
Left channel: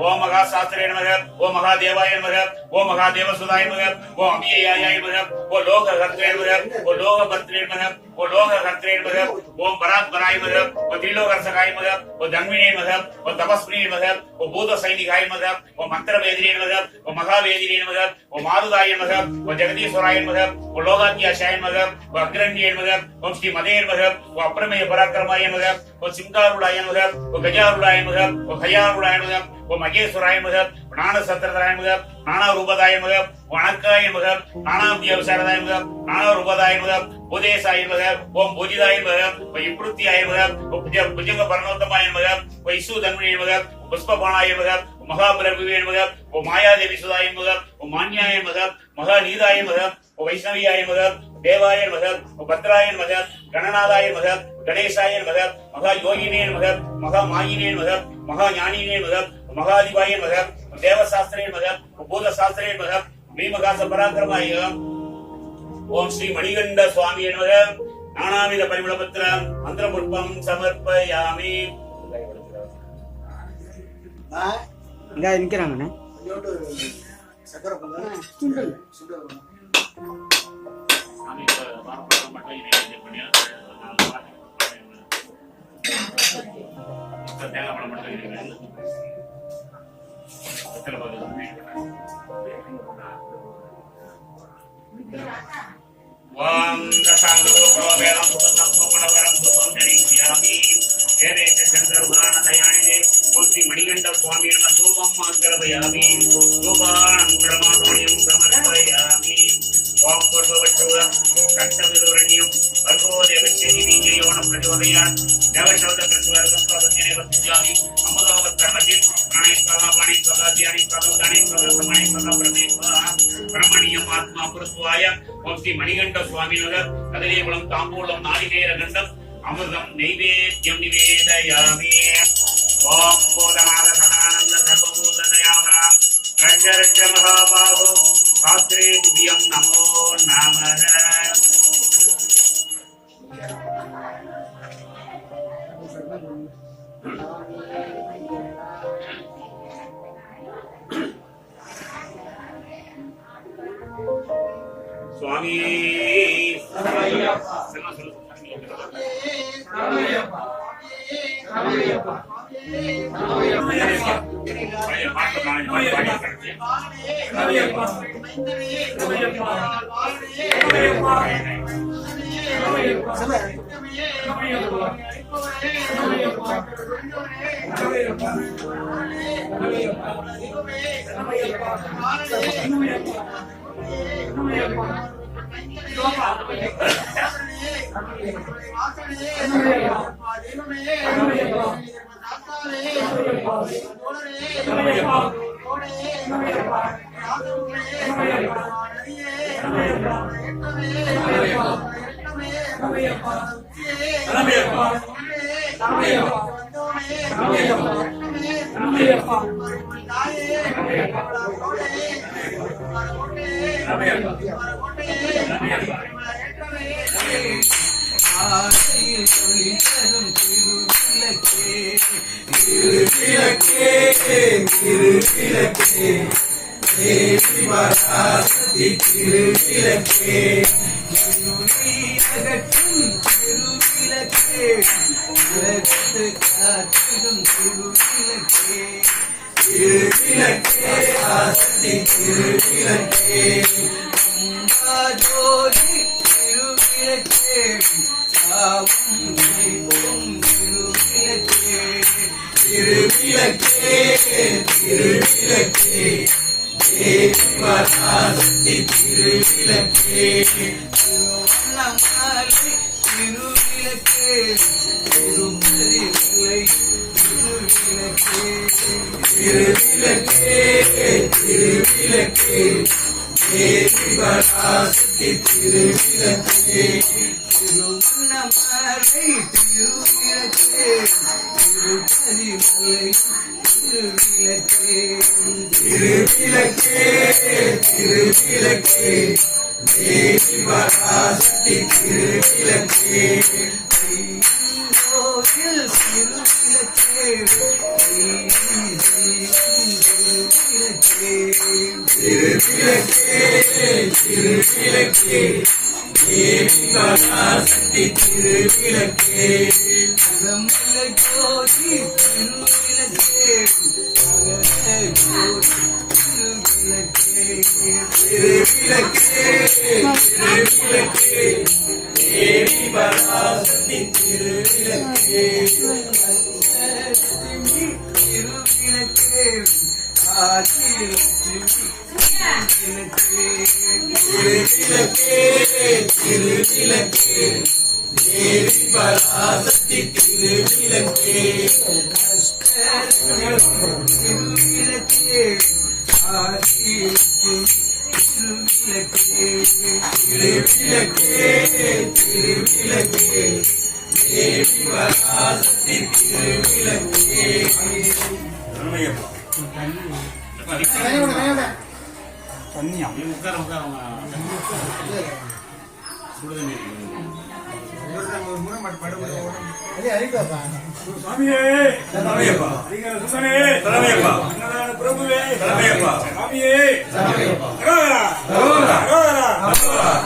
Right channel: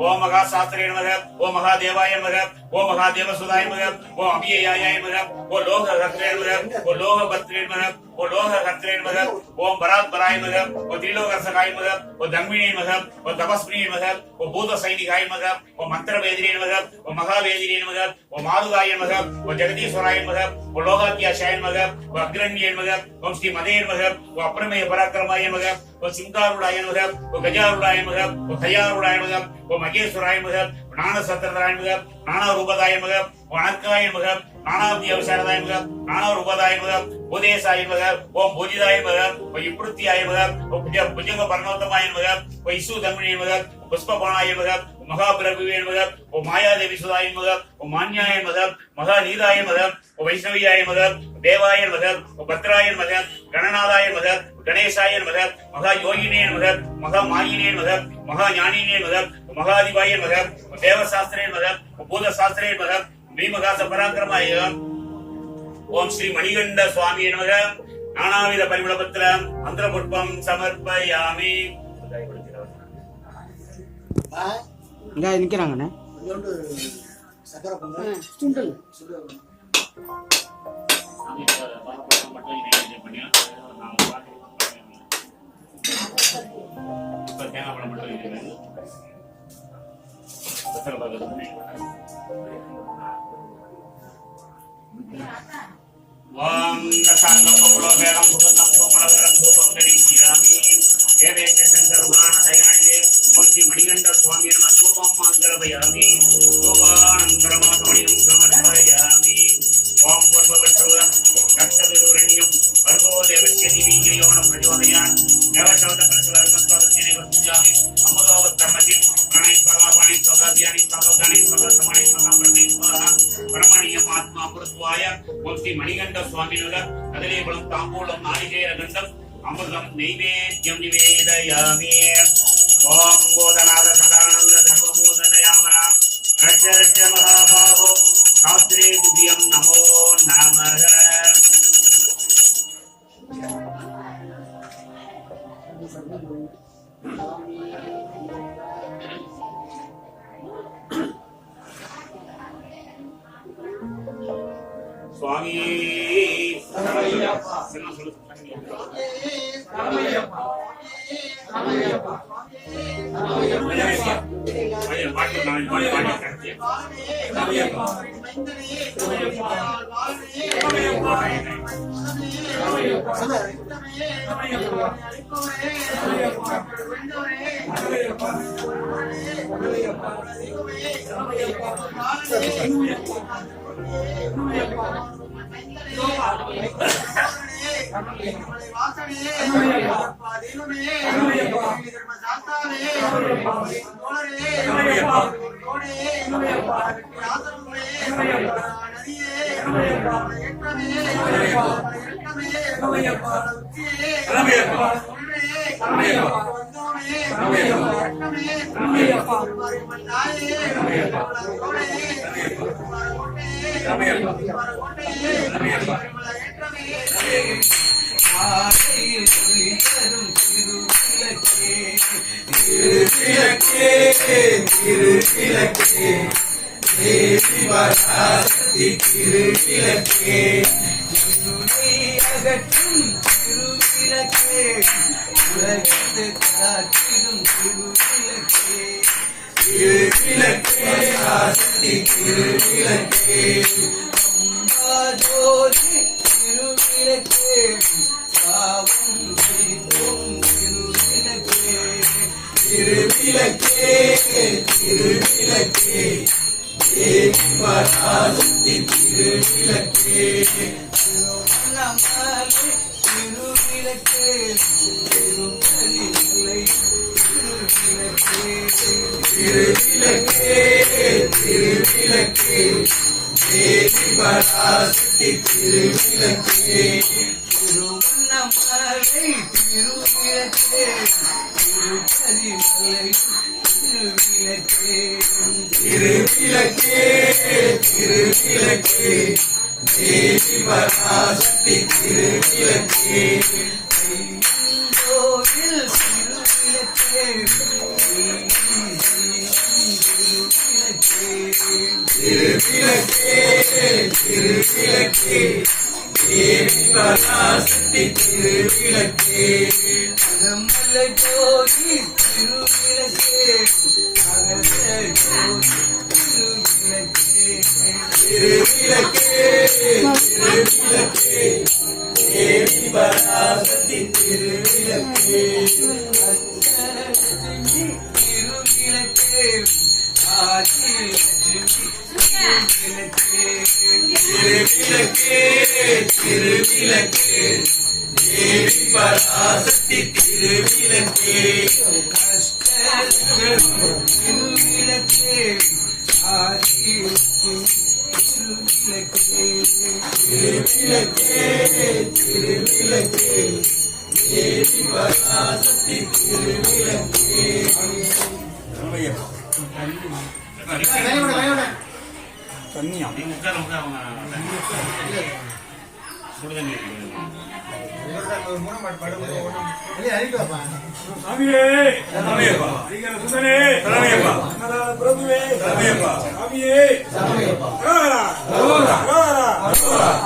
ஓ மகா சாஸ்திரே நமக ஓ மகா தேவாய நமக ஓ மகா தேவ சுதாய நமக ஓ அபியாய நமக ஓ லோக கர்த்தரே நமக ஓ லோக பர்த்தரே நமக ஓ லோக கர்த்தரே நமக ஓம் பராத்பராய நமக ஓ திரிலோகர்சகாய நமக ஓ தன்மினே நமக ஓ தபஸ்வினே நமக ஓ பூத சைனிகாய நமக ஓ மந்திர வேதிரே நமக ஓ மகா வேதிரே நமக ஓ மாதுகாய நமக ஓ ஜெகதீஸ்வராய நமக ஓ லோகாத்யாசாய நமக ஓ அக்ரண்யே நமக ஓம் ஸ்ரீ மதே நமக ஓ அப்ரமேய பராக்கிரமாய நமக ஓ சிம்காருடாய நமக ஓ கஜாருடாய நமக ஓ கயாருடாய நமக ஓ மகேஸ்வராய நமக ஓ ஞான சத்திரதாய நமக நானா ரூபதாய நமக ஓ அனக்காய நமக நானாபிய விசாரதாய நமக நானா ரூபதாய நமக உதேசாய நமக ஓம் பூஜிதாய நமக ஓ இப்ருத்தியாய நமக ஓ புஜங்க பரணோத்தமாய நமக ஓ இசு தன்மணிய நமக ஓ புஷ்பபாணாய நமக ஓ மகாபிரபுவே நமக ஓ மாயாதேவி சுதாய நமக ஓ மான்யாய நமக மகா நீதாய நமக ஓ வைஷ்ணவியாய நமக தேவாய நமக ஓ பத்ராய நமக கணநாதாய நமக கணேசாய நமக மகா யோகினே நமக மகா மாயினே நமக மகா ஞானினே நமக மகாதிபாய நமக தேவசாஸ்திரே நமக பூத சாஸ்திரே நமக பீமகாச பராக்கிரமாய ஓம் ஸ்ரீ மணிகண்ட சுவாமி நமக நானாவித பரிமளபத்திர மந்திர புஷ்பம் சமர்ப்பயாமி இங்க நிக்கிறாங்கண்ணா கொஞ்சோண்டு சக்கரை பொங்கல் சுண்டல் தேங்காய் பழம் மட்டும் ஓம் தசாங்கம் வேதம் சுபந்தம் சுமணவரம் சுபம் தரிக்கிறாமி வேதேஷ சங்கருமான தயானிதே மூர்த்தி மணிகண்ட சுவாமி நம தூபம் அக்ரபயாமி தூபானந்தரமாதமணியம் சமர்ப்பயாமி ஓம் பூர்வவச்சோதம் கஷ்டவிதுரண்யம் வர்கோ தேவஸ்யதி வீஜயோன பிரச்சோதயான் தேவசோத பிரசுவர்கம் சோதத்தினை வசிஞ்சாமி அமுதோக கர்மஜின் பிரணை ஸ்வகா பணி ஸ்வகா தியானி ஸ்வகா தானி ஸ்வகா சமணி ஸ்வகா பிரதேஸ்வா பிரமணியம் ஆத்மா புருத்வாய ஓம் ஸ்ரீ மணிகண்ட சுவாமியுடன் கதலியகுளம் தாம்பூலம் நாளிகேர கண்டம் அமிர்தம் நைவேத்யம் நிவேதயாமி ஓம் போதநாத சதானந்த சர்வபூததயாமரா ரட்ச ரட்ச மகாபாவோ சாஸ்திரே துதியம் நமோ நமக சுவாமி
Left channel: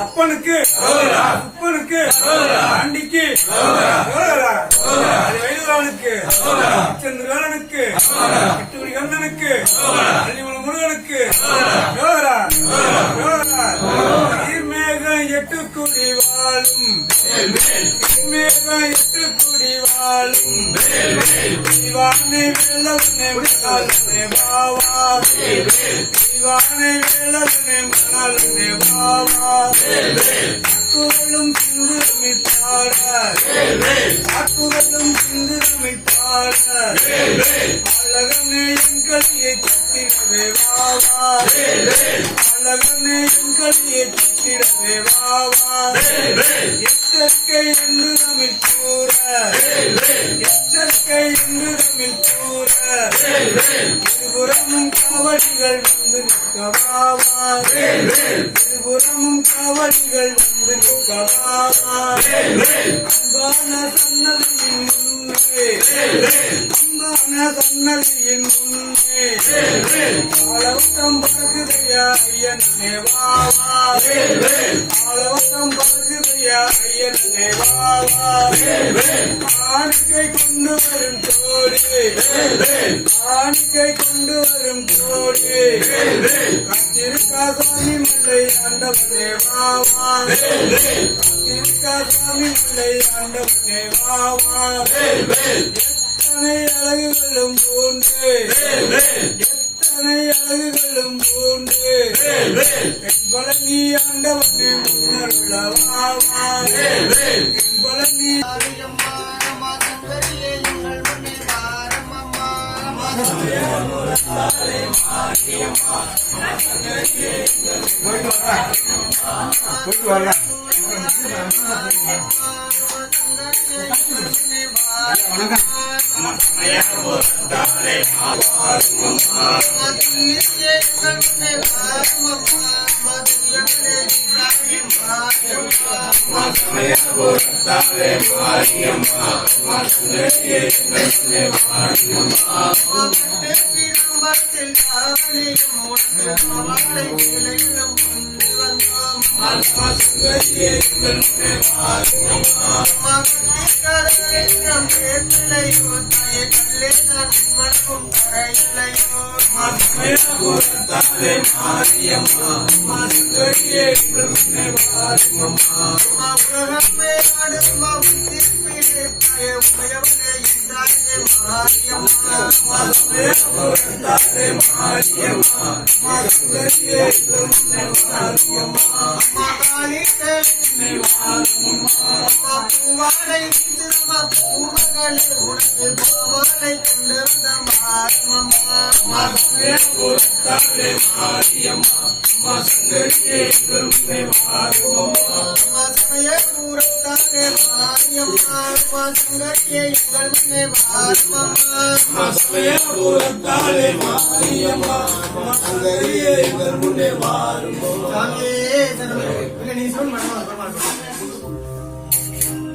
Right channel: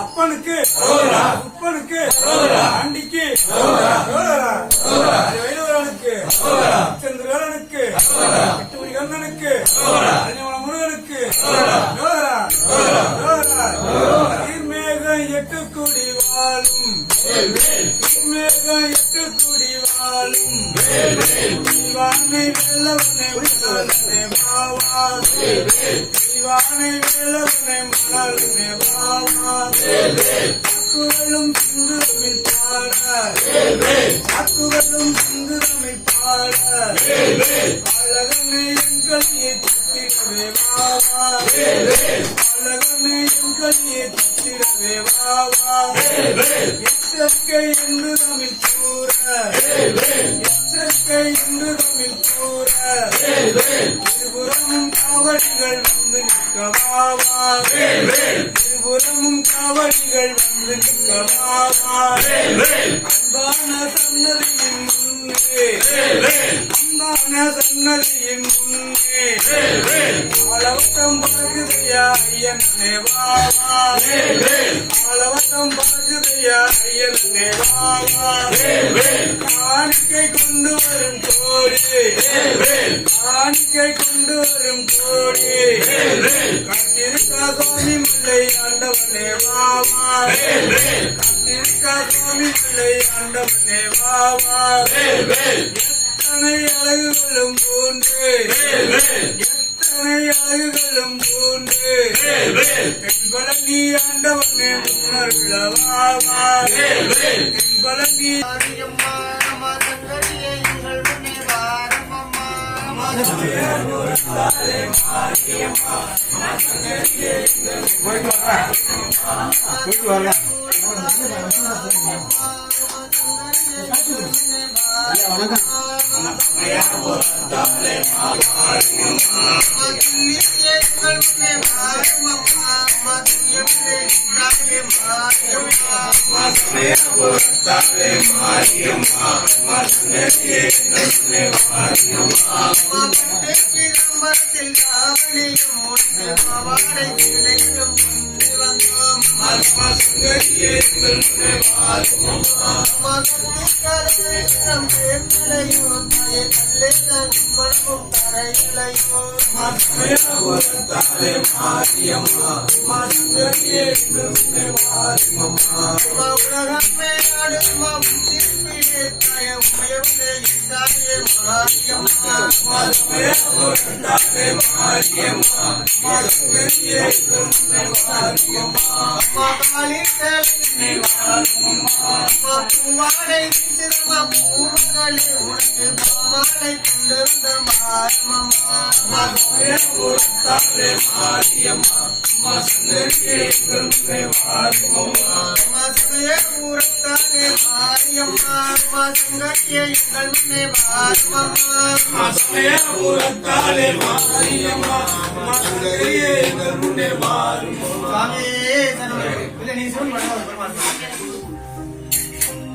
அப்பனுக்கு உப்பனுக்கு ஆண்டிக்கு வைரவனுக்கு சந்திரனுக்கு கட்டூரி கண்ணனுக்கு முருகனுக்கு நீர்மேகம் 8 கோடி வாழும் மேகம் 8 கோடி வாழும் சிவானை வெள்ளவனே மணாலனே பாவா சிவானை வெள்ளவனே மணாலனே பாவா வாக்குகளும் சிந்துரமி பாட வாக்குகளும் சிந்துரமி பாட அழகனே எங்களியை சித்திரவே வாவா அழகனே எங்களியை சித்திரவே வாவா எச்சரிக்கை என்று தமிழ் கூற எச்சரிக்கை என்று தமிழ் கூற இருபுறமும் காவடிகள் வந்து நிற்கவாவா இருபுறமும் காவடிகள் வந்து நிற்கவாவா அன்பான சன்னதியின் முன்னே அன்பான சன்னதியின் முன்னே ஆளவட்டம் பறகுதையா ஐயனே வாவா ஆளவட்டம் பறகுதையா ஐயனே வாவா காணிக்கை கொண்டு வரும் கோடி காணிக்கை கொண்டு வரும் கோடி கத்திரிக்கா சுவாமி மல்லை ஆண்டவனே வாவா கத்திரிக்கா சுவாமி மல்லை ஆண்டவனே வாவா எத்தனை அழகுகளும் போன்று எத்தனை அத்தனை அழகுகளும் போன்று என்பல நீ ஆண்டவனே முன்னருளவாவா என்பல நீ போயிட்டு வரலாம். வணக்கம்.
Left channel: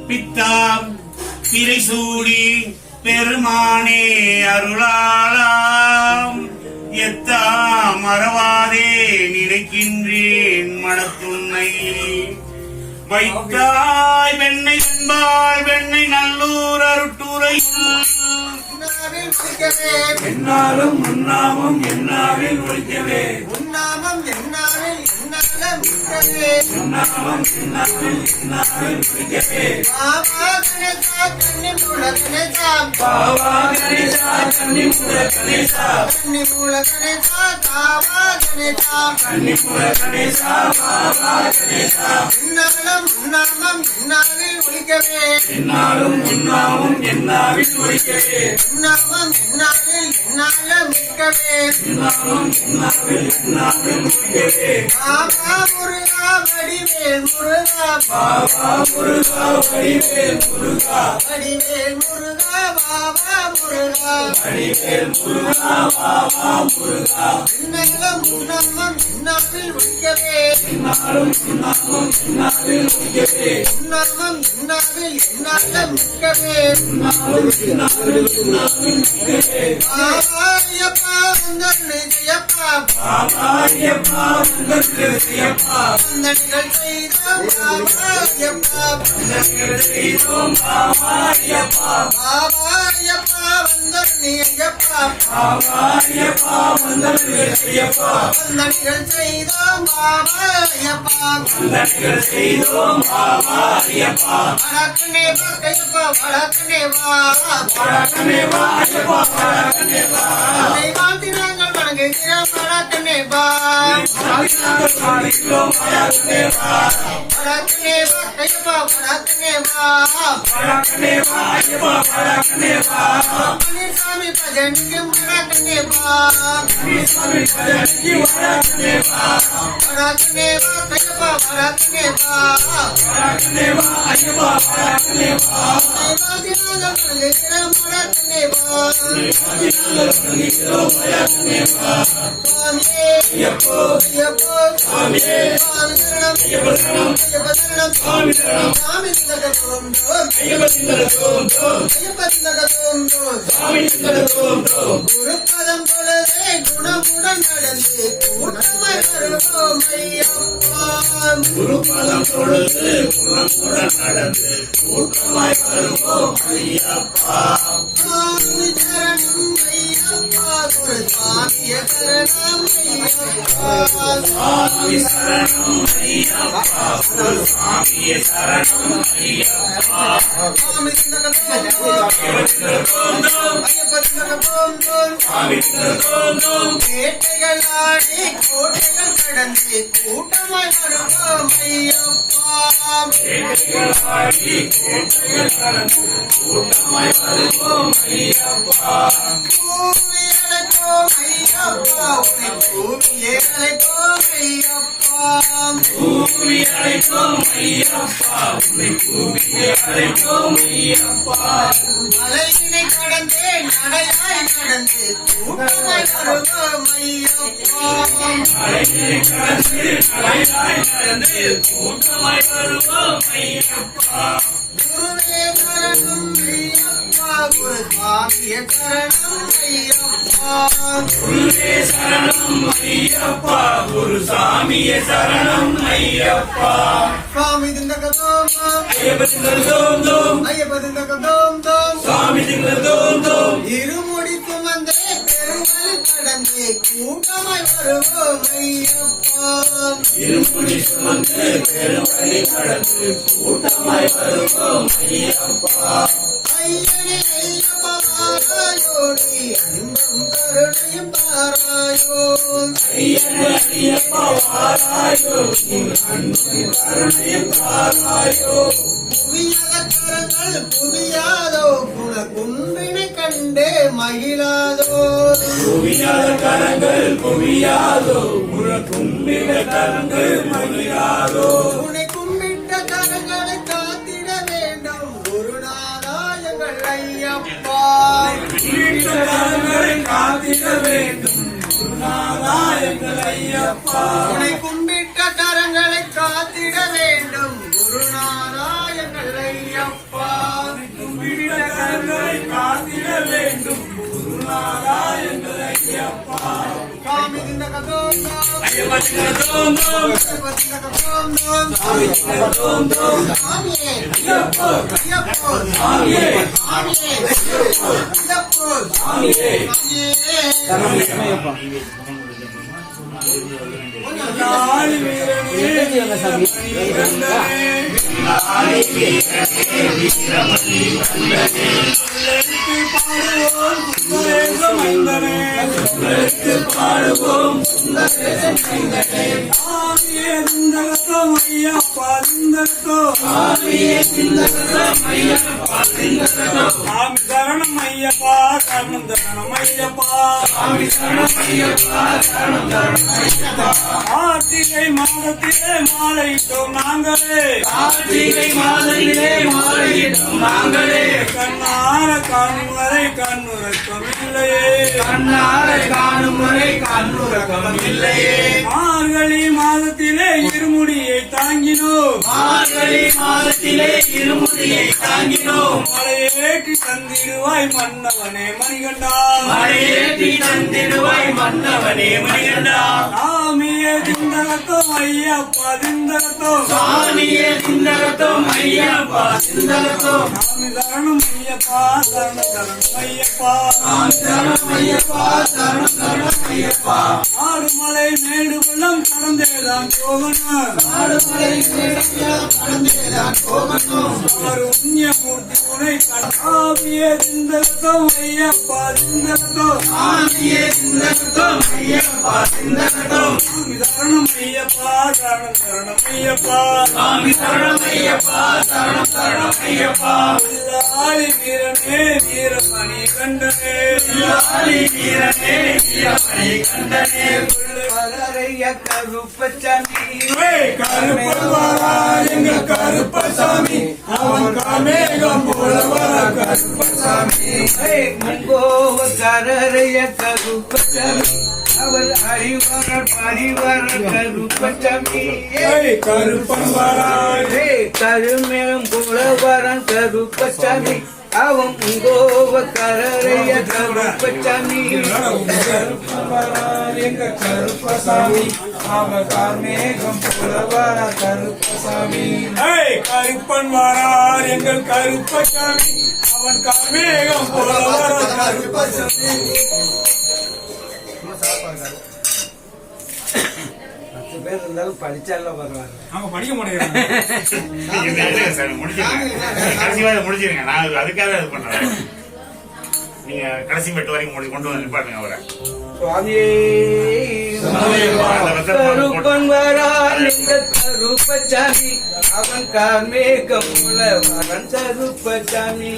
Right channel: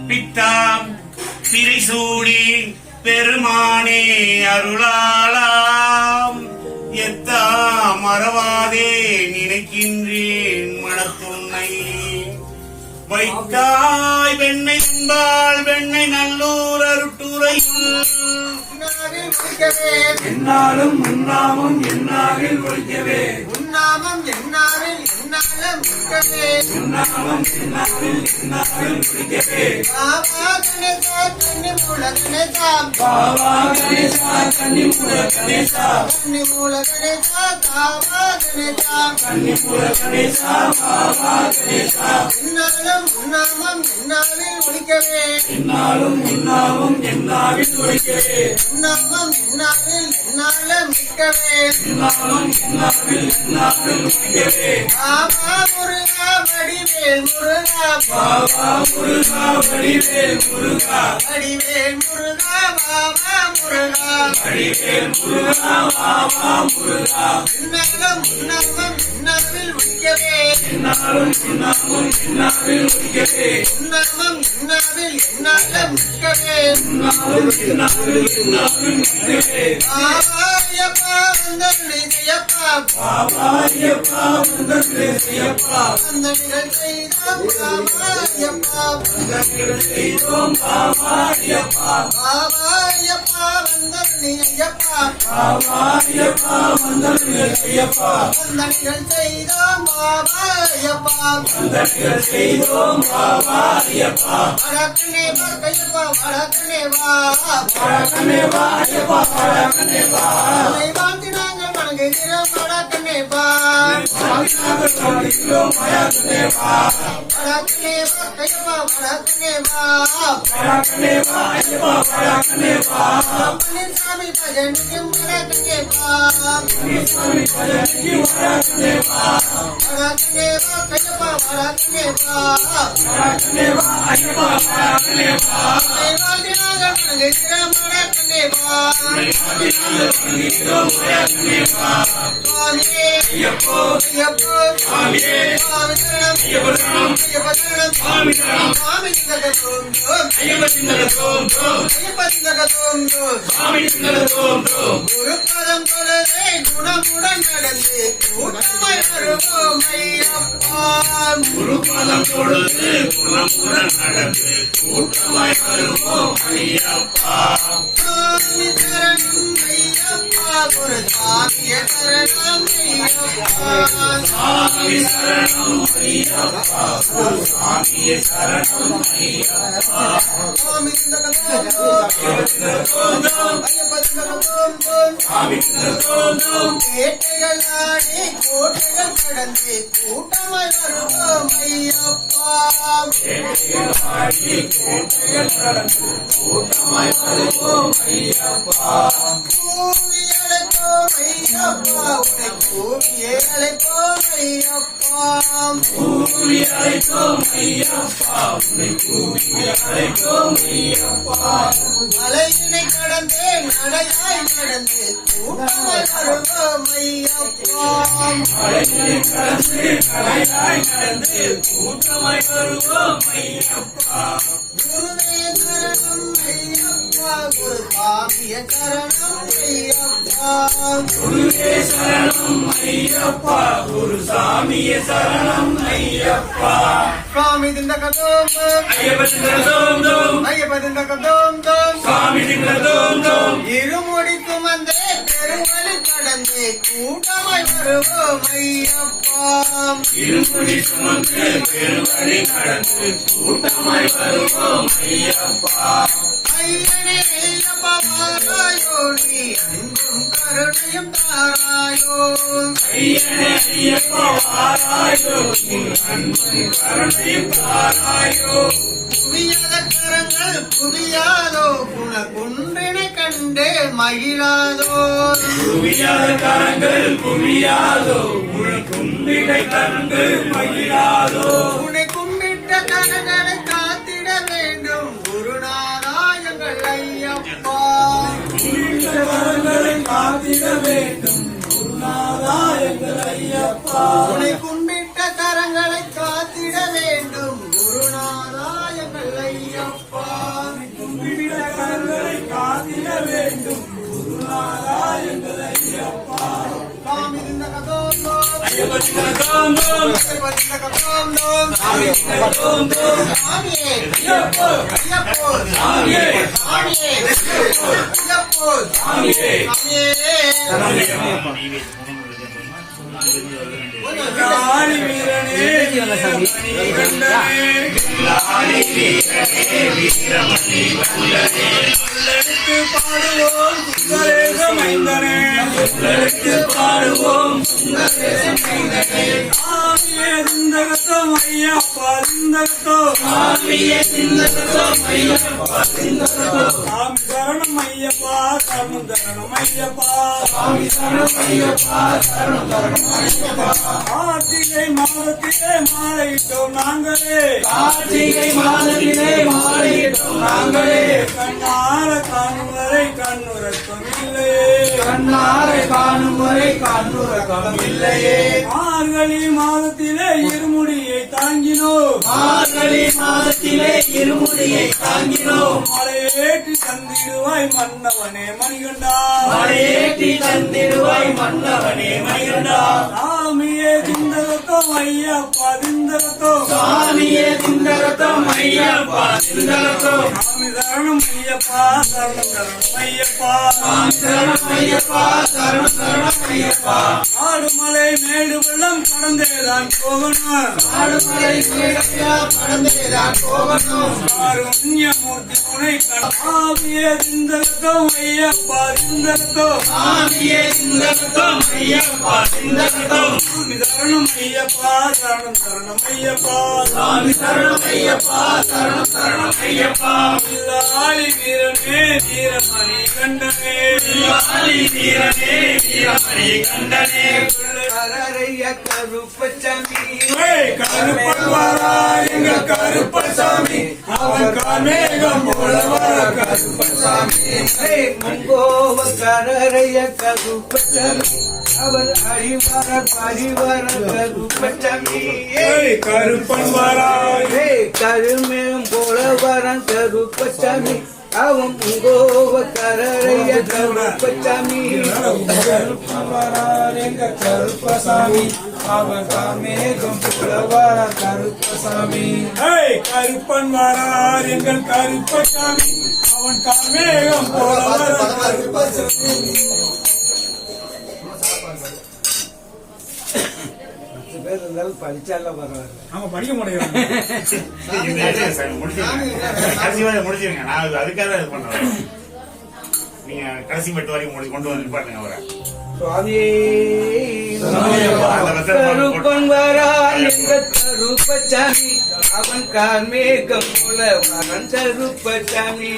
பித்தாம் பிறைசூடி பெருமானே அருளாலாம் எத்தா மறவாதே நினைக்கின்றேன் மனத்துன்னை வைத்தாய் வெண்ணை என்பாள் வெண்ணை நல்லூர் அருட்டுரையுள் என்னாலும் உன்னாமம் என்னாவில் ஒழிக்கவே உன்னாமம் என்னாவில் என்னாலும் உன்னாமம் என்னாவில் என்னாவில் ஒழிக்கவே பாவா கணேசா கண்ணி மூல கணேசா பாவா கணேசா கண்ணி மூல கணேசா கண்ணி மூல கணேசா பாவா கணேசா கண்ணி மூல கணேசா பாவா கணேசா என்னாலும் உன்னாமம் என்னாவில் ஒழிக்கவே என்னாலும் உன்னாமம் என்னாவில் ஒழிக்கவே உன்னாமம் என்னாவில் என்னாலும் ஒழிக்கவே உன்னாமம் என்னாவில் என்னாவில் ஒழிக்கவே பாவா முருகா வடிவேல் முருகா பாவா முருகா வடிவேல் முருகா வடிவேல் முருகா பாவா முருகா வடிவேல் முருகா பாவா முருகா என்னாலும் உன்னாமம் என்னாவில் ஒழிக்கவே என்னாலும் உன்னாமம் என்னாவில் ஒழிக்கவே உன்னாமம் என்னாவில் என்னாலும் ஒழிக்கவே உன்னாமம் என்னாவில் என்னாவில் ஒழிக்கவே பாவாயப்பா வந்தனை செய்யப்பா பாவாயப்பா வந்தனை செய்யப்பா வந்தனைகள் செய்தோம் பாவாயப்பா வந்தனைகள் செய்தோம் பாவாயப்பா பாவாயப்பா வந்தனை ஐயப்பா பாவாயப்பா வந்தனை செய்யப்பா வந்தனைகள் செய்தோம் பாவாயப்பா வந்தனைகள் செய்தோம் பாவாயப்பா வடக்கனே பக்கையப்பா வடக்கனே வா வடக்கனே வா ஐயப்பா வடக்கனே வா உன்னை வாழ்த்தி நாங்கள் வணங்குகிறோம் வடக்கனே வா நாங்கள் வாழ்கிறோம் வடக்கனே வா வடக்கனே பக்கையப்பா வடக்கனே வா வடக்கனே வா ஐயப்பா வடக்கனே வா பழனிசாமி பஜனிக்கும் வடக்கனே வா பழனிசாமி பஜனிக்கும் வடக்கனே வா வடக்கனே பக்கையப்பா வடக்கனே வா வடக்கனே வா ஐயப்பா வடக்கனே வா வாழ்த்தி நாங்கள் வணங்குகிறோம் வடக்கனே வா வாழ்த்தி நாங்கள் வணங்குகிறோம் வடக்கனே வா சுவாமியே ஐயப்போ ஐயப்போ சுவாமியே சுவாமி சரணம் ஐயப்ப சரணம் ஐயப்ப சரணம் சுவாமி சரணம் சுவாமி சிந்தகத்தோம் ஐயப்ப சிந்தகத்தோம் ஐயப்ப சிந்தகத்தோம் சுவாமி சிந்தகத்தோம் குருபதம் தொழுதே குணமுடன் நடந்து கூட்டமாய் வருவோம் ஐயப்பா குருபதம் தொழுது குணமுடன் நடந்து கூட்டமாய் வருவோம் ஐயப்பா சுவாமி சரணம் ஐயப்பா குரு சுவாமியே சரணம் ஐயப்பா சுவாமி சரணம் ஐயப்பா குரு சுவாமியே சரணம் ஐயப்பா சுவாமி சிந்தகத்தோம் ஐயப்ப சிந்தகத்தோம் வேட்டைகள் ஆடி கோட்டைகள் கடந்து கூட்டமாய் வருவோம் ஐயப்பா. கூவி அழைப்போம் ஐயப்பா, உன்னை கூவியே அழைப்போம் ஐயப்பா. மலையினை கடந்தே நடையாய் நடந்து கூட்டமாய் வருவோம் ஐயப்பா. குருவே சரணம் ஐயப்பா, குரு சாமிய சரணம் ஐயப்பா. சுவாமி திண்டகதோம் ஐயப்ப திண்டகதோம் இருமுடி சுமந்தே பெருவழி கடந்து கூட்டமாய் வருவோம் ஐயப்பா. ஐயனே ஐயப்பா வாராயோடி அன்பும் கருணையும் தாராயோ. புவியாத கரங்கள் புவியாதோ குண குன்றினை கண்டே மகிழாதோ. உன்னை கும்பிட்ட கரங்களை காத்திட வேண்டும் குருநாதா எங்கள் ஐயப்பா. உன்னை கும்பிட்ட கரங்களை காத்திட வேண்டும் குருநாதா எங்கள் ஐயப்பா. சுவாமி திண்டகதோம் ஐயப்ப திண்டகதோம் சாமியே ஐயப்போ சாமியே ஐயப்போ சாமியே. ஆடி வீரனே பாடுவோம் சரணம் ஐயப்பா சரணம் சரணம் ஐயப்பா. கார்த்திகை மாதத்திலே மாலையிட்டோம் நாங்களே கண்ணார காணும் வரை கண்ணுறக்கம் இல்லையே. மார்கழி மாதத்திலே இருமுடியை தாங்கினோம் மலையேற்றி தந்திடுவாய் மன்னவனே மணிகண்டா. சாமியே திண்டகத்தோம் ஐயப்பா திண்டகத்தோம். சாமி சரணம் ஐயப்பா சரணம் ஐயப்பா. ஆடுமலை மேடு வெள்ளம் கடந்தேதான் போகணும். காருண்யமூர்த்தி துணை சாமியே திண்டகத்தோம் ஐயப்பா திண்டகத்தோம். சாமி சரணம் ஐயப்பா சரணம் ஐயப்பா. ஆளி வீரனே வீரமணி கண்டனே கரரைய கருப்பச்சாமி கருப்பா எங்கள் கருப்பசாமி அவன் காமேகம் போல கருப்பசாமி. முங்கோவ கரரைய கருப்பச்சாமி அவர் அறிவார் பரிவார கருப்பச்சாமி. கருப்பன் வராய் கருமேகம் போல வரன் கருப்பச்சாமி அவன் முங்கோவ கரரைய கருப்பச்சாமி. எங்க கருப்பசாமி அவன் காமேகம் போல வர கருப்பசாமி. கருப்பன் வரார் எங்கள் கருப்பசாமி அவன் காமேகம் போல வர கருப்பசாமி. பேர் இருந்தாலும் படிச்சாலும் பரவாயில்ல. அவங்க படிக்க முடியாது. முடிச்சிருங்க நான் அதுக்காக இது பண்றேன். நீங்க கடைசி மெட்டு வரைக்கும் கொண்டு வந்து நிப்பாட்டுங்க அவரை. சுவாமியே கருப்பன் வரான் எங்க கருப்பசாமி அவன் கார்மேகம் போல வரன் கருப்பசாமி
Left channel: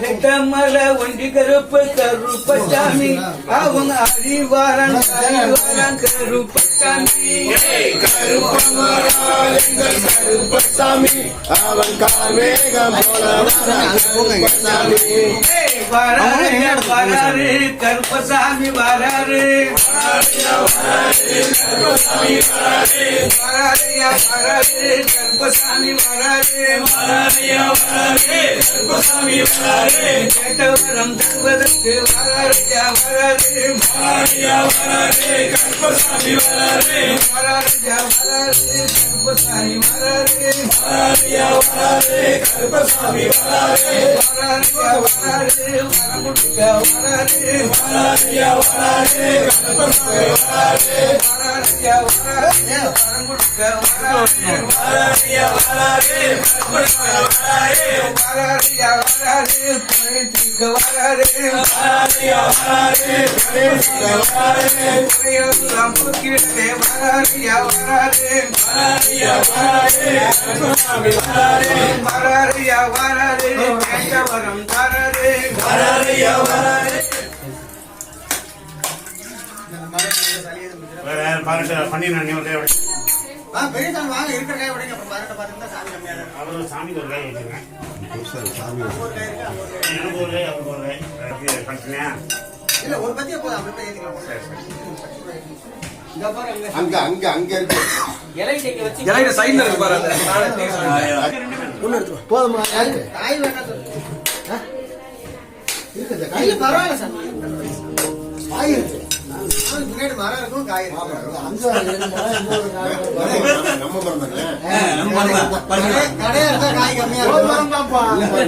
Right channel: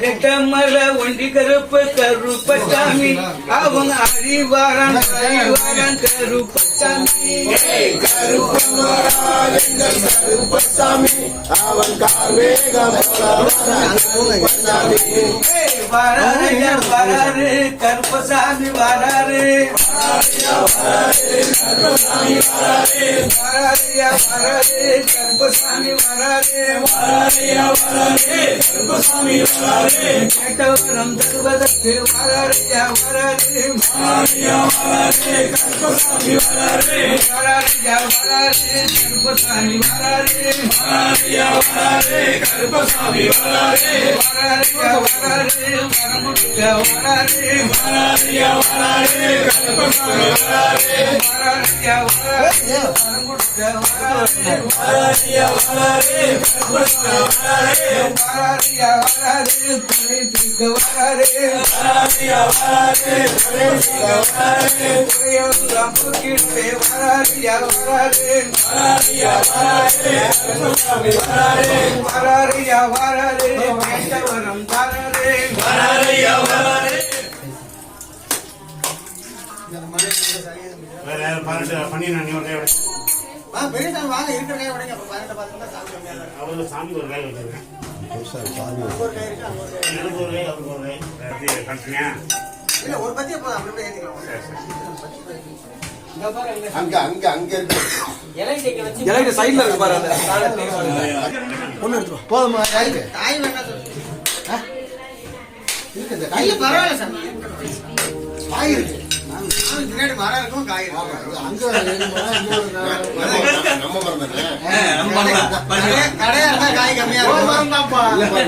ரெட்டமல ஒண்டி கருப்பு கருப்பசாமி அவன் அறிவாரன் கருப்பசாமி கருப்பன் வரான் எங்கள் கருப்பசாமி அவன் கார்மேகம் வராரு கருப்பசாமி வராரு கருப்பசாமி வராரு கேட்டவரம் தருவதற்கு வராரியா வராரு கருப்பசாமி வராரு கருப்பசாமி வராரு கருப்பசாமி வராரு வரம் கொடுக்க வராரு கருப்பசாமி வராரு வரம் கொடுக்க வராரு வரம் தாரே பெரியசாமி வாங்க இருக்கிற கை உடைங்க அப்புறம் 18 பாத்துக்கிட்டா சாமி கம்மியா தான் அவரு சாமி ஒரு கை வச்சிருக்கேன். ஒரு கை இருக்கு எனக்கு ஒரு கை அவருக்கு ஒரு கை. பண்ணிட்டீங்க? இல்ல ஒரு பத்தியே போதும் அப்படி கூட ஏத்திக்கலாம் அங்க அங்க அங்க இருக்கு இலையில சைடுல இருக்கு பாரு போதுமா யாருக்கு காய் வேண்டாம் இருக்குது கையில பரவாயில்ல சாமி காய் இருக்கு பின்னாடி மரம் இருக்கும் காய் இருக்கும் அங்க நம்ம மரம் தானே கடையா இருந்தா காய் கம்மியா இருக்கும்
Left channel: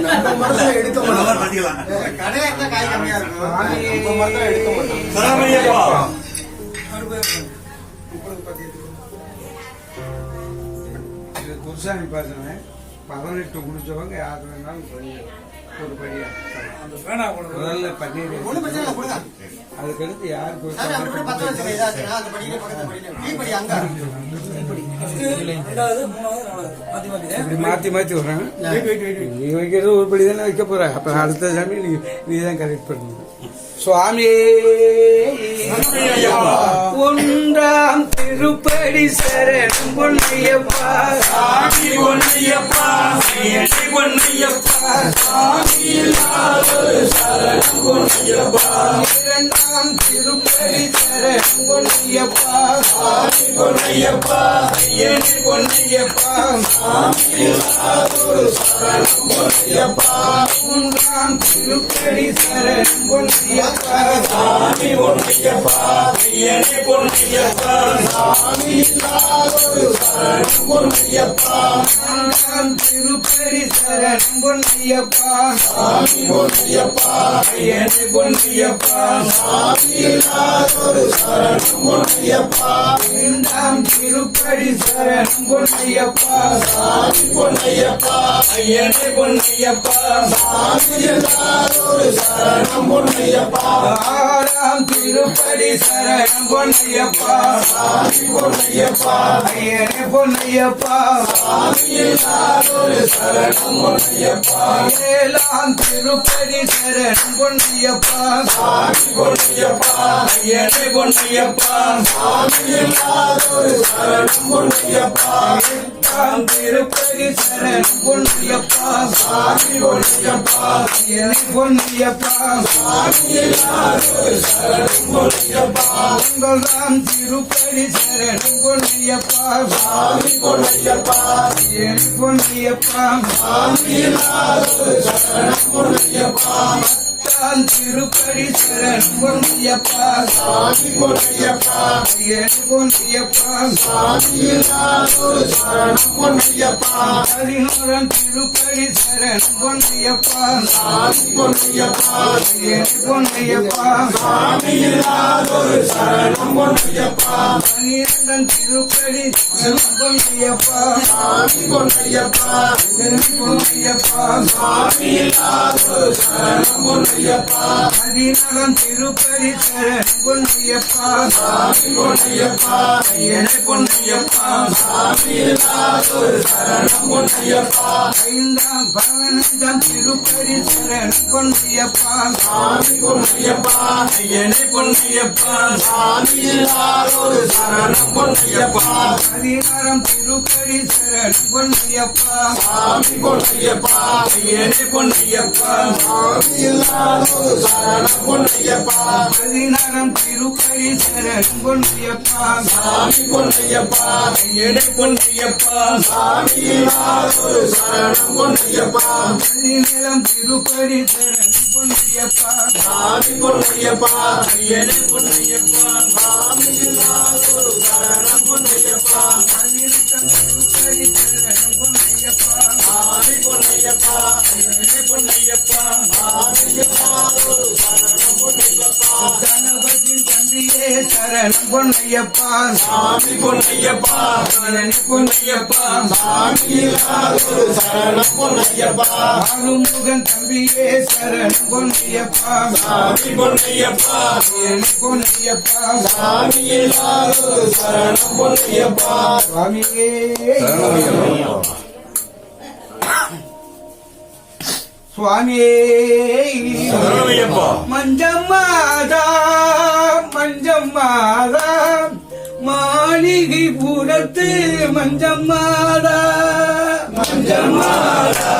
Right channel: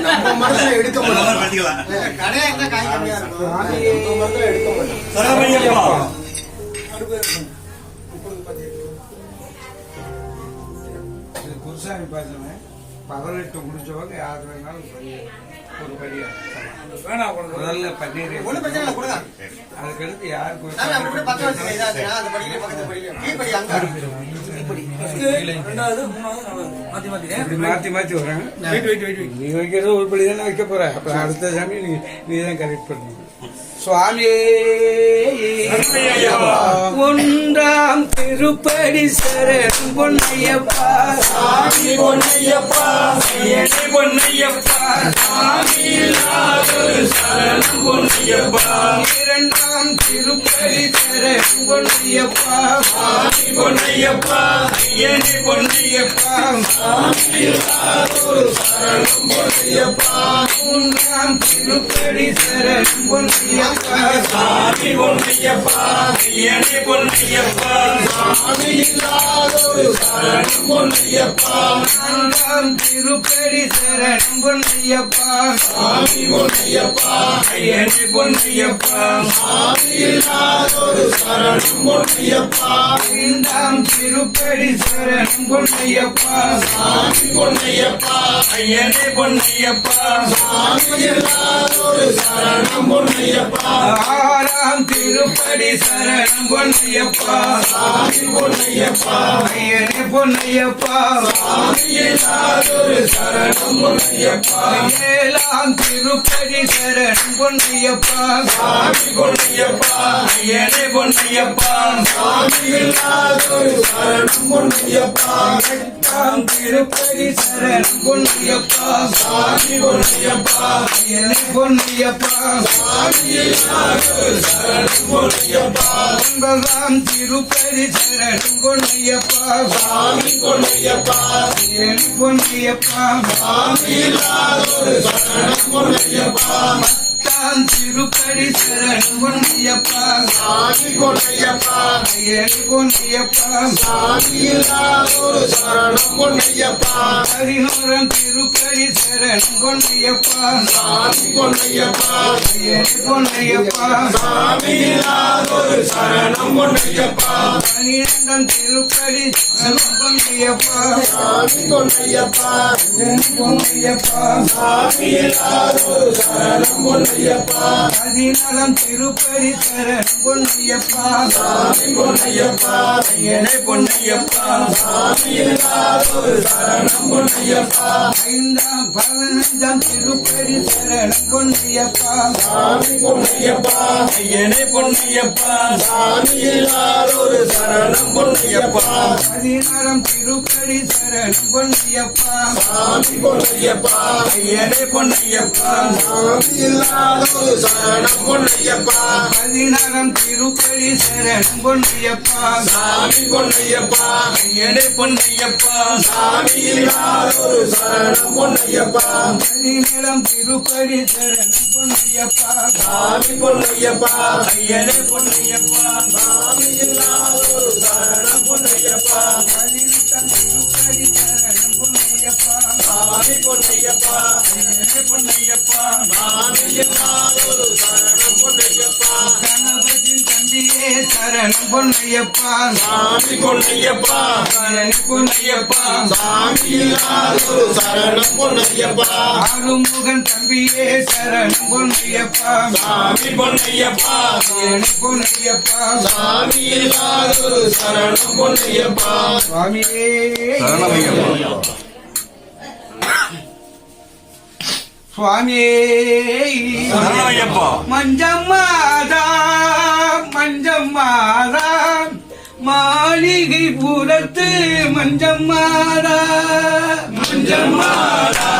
நம்ம மரத்துல எடுக்க மாட்டோம் கடையா இருந்தா காய் கம்மியா இருக்கும் நம்ம மரத்துல எடுக்க மாட்டோம் குருசாமி பாசன 18 முடிச்சவங்க யார் வேணாலும் ஒரு படியா முதல்ல பன்னீர் ஒண்ணு பிரச்சனை இல்லை கொடுங்க அதுக்கடுத்து யாருக்கு சாமி அப்படி கூட 10 வருஷம் இதாச்சுன்னா அந்த படியில பக்கத்துல படியில டீ படி அங்க மாத்தி மாத்தி வர்றாங்க நீ வைக்கிறது ஒரு படி தானே வைக்க போற அப்ப அடுத்த சாமி நீ தான் கரெக்ட் பண்ணி சுவாமியே ஒன்றாம் திருப்படி சரணம் பொன்னையப்பா சாமி பொன்னையப்பா பொன்னையப்பா சரணம் பொன்னையப்பா இரண்டாம் திருப்படி சரணம் பொன்னையப்பா சாமி பொன்னையப்பா பொன்னையப்பா சரணம் பொன்னையப்பா மூன்றாம் திருப்படி சரணம் பொன்னையப்பா சாமி பொன்னையப்பா பொன்னையப்பா சாமி சரணம் பொன்னையப்பா நான்காம் திருப்படி சரணம் பொன்னையப்பா சாமி பொன்னையப்பா பொன்னையப்பா சாமி சரணம் பொன்னையப்பா ஐந்தாம் திருப்படி சரணம் பொன்னையப்பா சாமி பொன்னையப்பா பொன்னையப்பா சாமி சரணம் பொன்னையப்பா ஆறாம் திருப்படி சரணம் பொன்னையப்பா சாமி பொன்னையப்பா பொன்னையப்பா சாமி சரணம் பொன்னையப்பா ஏழாம் திருப்படி சரணம் பொன்னையப்பா சாமி பொன்னையப்பா பொன்னையப்பா சாமி சரணம் பொன்னையப்பா எட்டாம் திருப்பதி சரணம் பொன்னையப்பா சாமி பொன்னையப்பா பொன்னையப்பா சாமி சரணம் பொன்னையப்பா ஒன்பதாம் திருப்பதி சரணம் பொன்னையப்பா சாமி பொன்னையப்பா பொன்னையப்பா சாமி சரணம் பொன்னையப்பா பதினேழாம் திருப்படி சரணம் பொன்னையப்பா சாமி பொன்னையப்பா ஐயனே பொன்னையப்பா சாமியில்லாதொரு சரணம் பொன்னையப்பா 11ஆம் திருப்படி சரணம் பொன்னையப்பா சாமி பொன்னையப்பா ஐயனே பொன்னையப்பா சாமியில்லாதொரு சரணம் பொன்னையப்பா 12ஆம் திருப்படி சரணம் பொன்னையப்பா சாமி பொன்னையப்பா ஐயனே பொன்னையப்பா சாமியில்லாதொரு சரணம் பொன்னையப்பா 16ஆம் திருப்படி சரணம் பொன்னையப்பா சாமி பொன்னையப்பா ஐயனே பொன்னையப்பா சாமியில்லாதொரு சரணம் பொன்னையப்பா 15ஆம் திருப்படி சரணம் பொன்னையப்பா சாமி பொன்னையப்பா ஐயனே பொன்னையப்பா சாமியில்லாதொரு சரணம் பொன்னையப்பா 16ஆம் திருப்படி சரணம் பொன்னையப்பா சாமி பொன்னையப்பா ஐயனே பொன்னையப்பா சாமியில்லாதொரு சரணம் பொன்னையப்பா 16ஆம் திருப்படி சரணம் பொன்னையப்பா சாமி பொன்னையப்பா ஐயனே பொன்னையப்பா சாமியில்லாதொரு சரணம் பொன்னையப்பா 17ஆம் திருப்படி சரணம் பொன்னையப்பா சாமி பொன்னையப்பா ஐயனே பொன்னையப்பா சாமியில்லாதொரு சரணம் பொன்னையப்பா 18ஆம் திருப்படி சரணம் பொன்னையப்பா சாமி பொன்னையப்பா ஐயனே பொன்னையப்பா சாமியில்லாதொரு சரணம் பொன்னையப்பா கணபதி தம்பியே சரணம் பொன்னையப்பா சாமி பொன்னையப்பா ஐயனே பொன்னையப்பா சாமியில்லாதொரு சரணம் பொன்னையப்பா ஆறுமுகன் தம்பியே சரணம் பொன்னையப்பா சாமி பொன்னையப்பா ஐயனே பொன்னையப்பா சாமியில்லாதொரு சரணம் பொன்னையப்பா சுவாமியே சுவாமியே மஞ்சம்மாதா மஞ்சம்மாதா மாளிகை புறத்து மஞ்சம்மாதா மஞ்சம்மாதா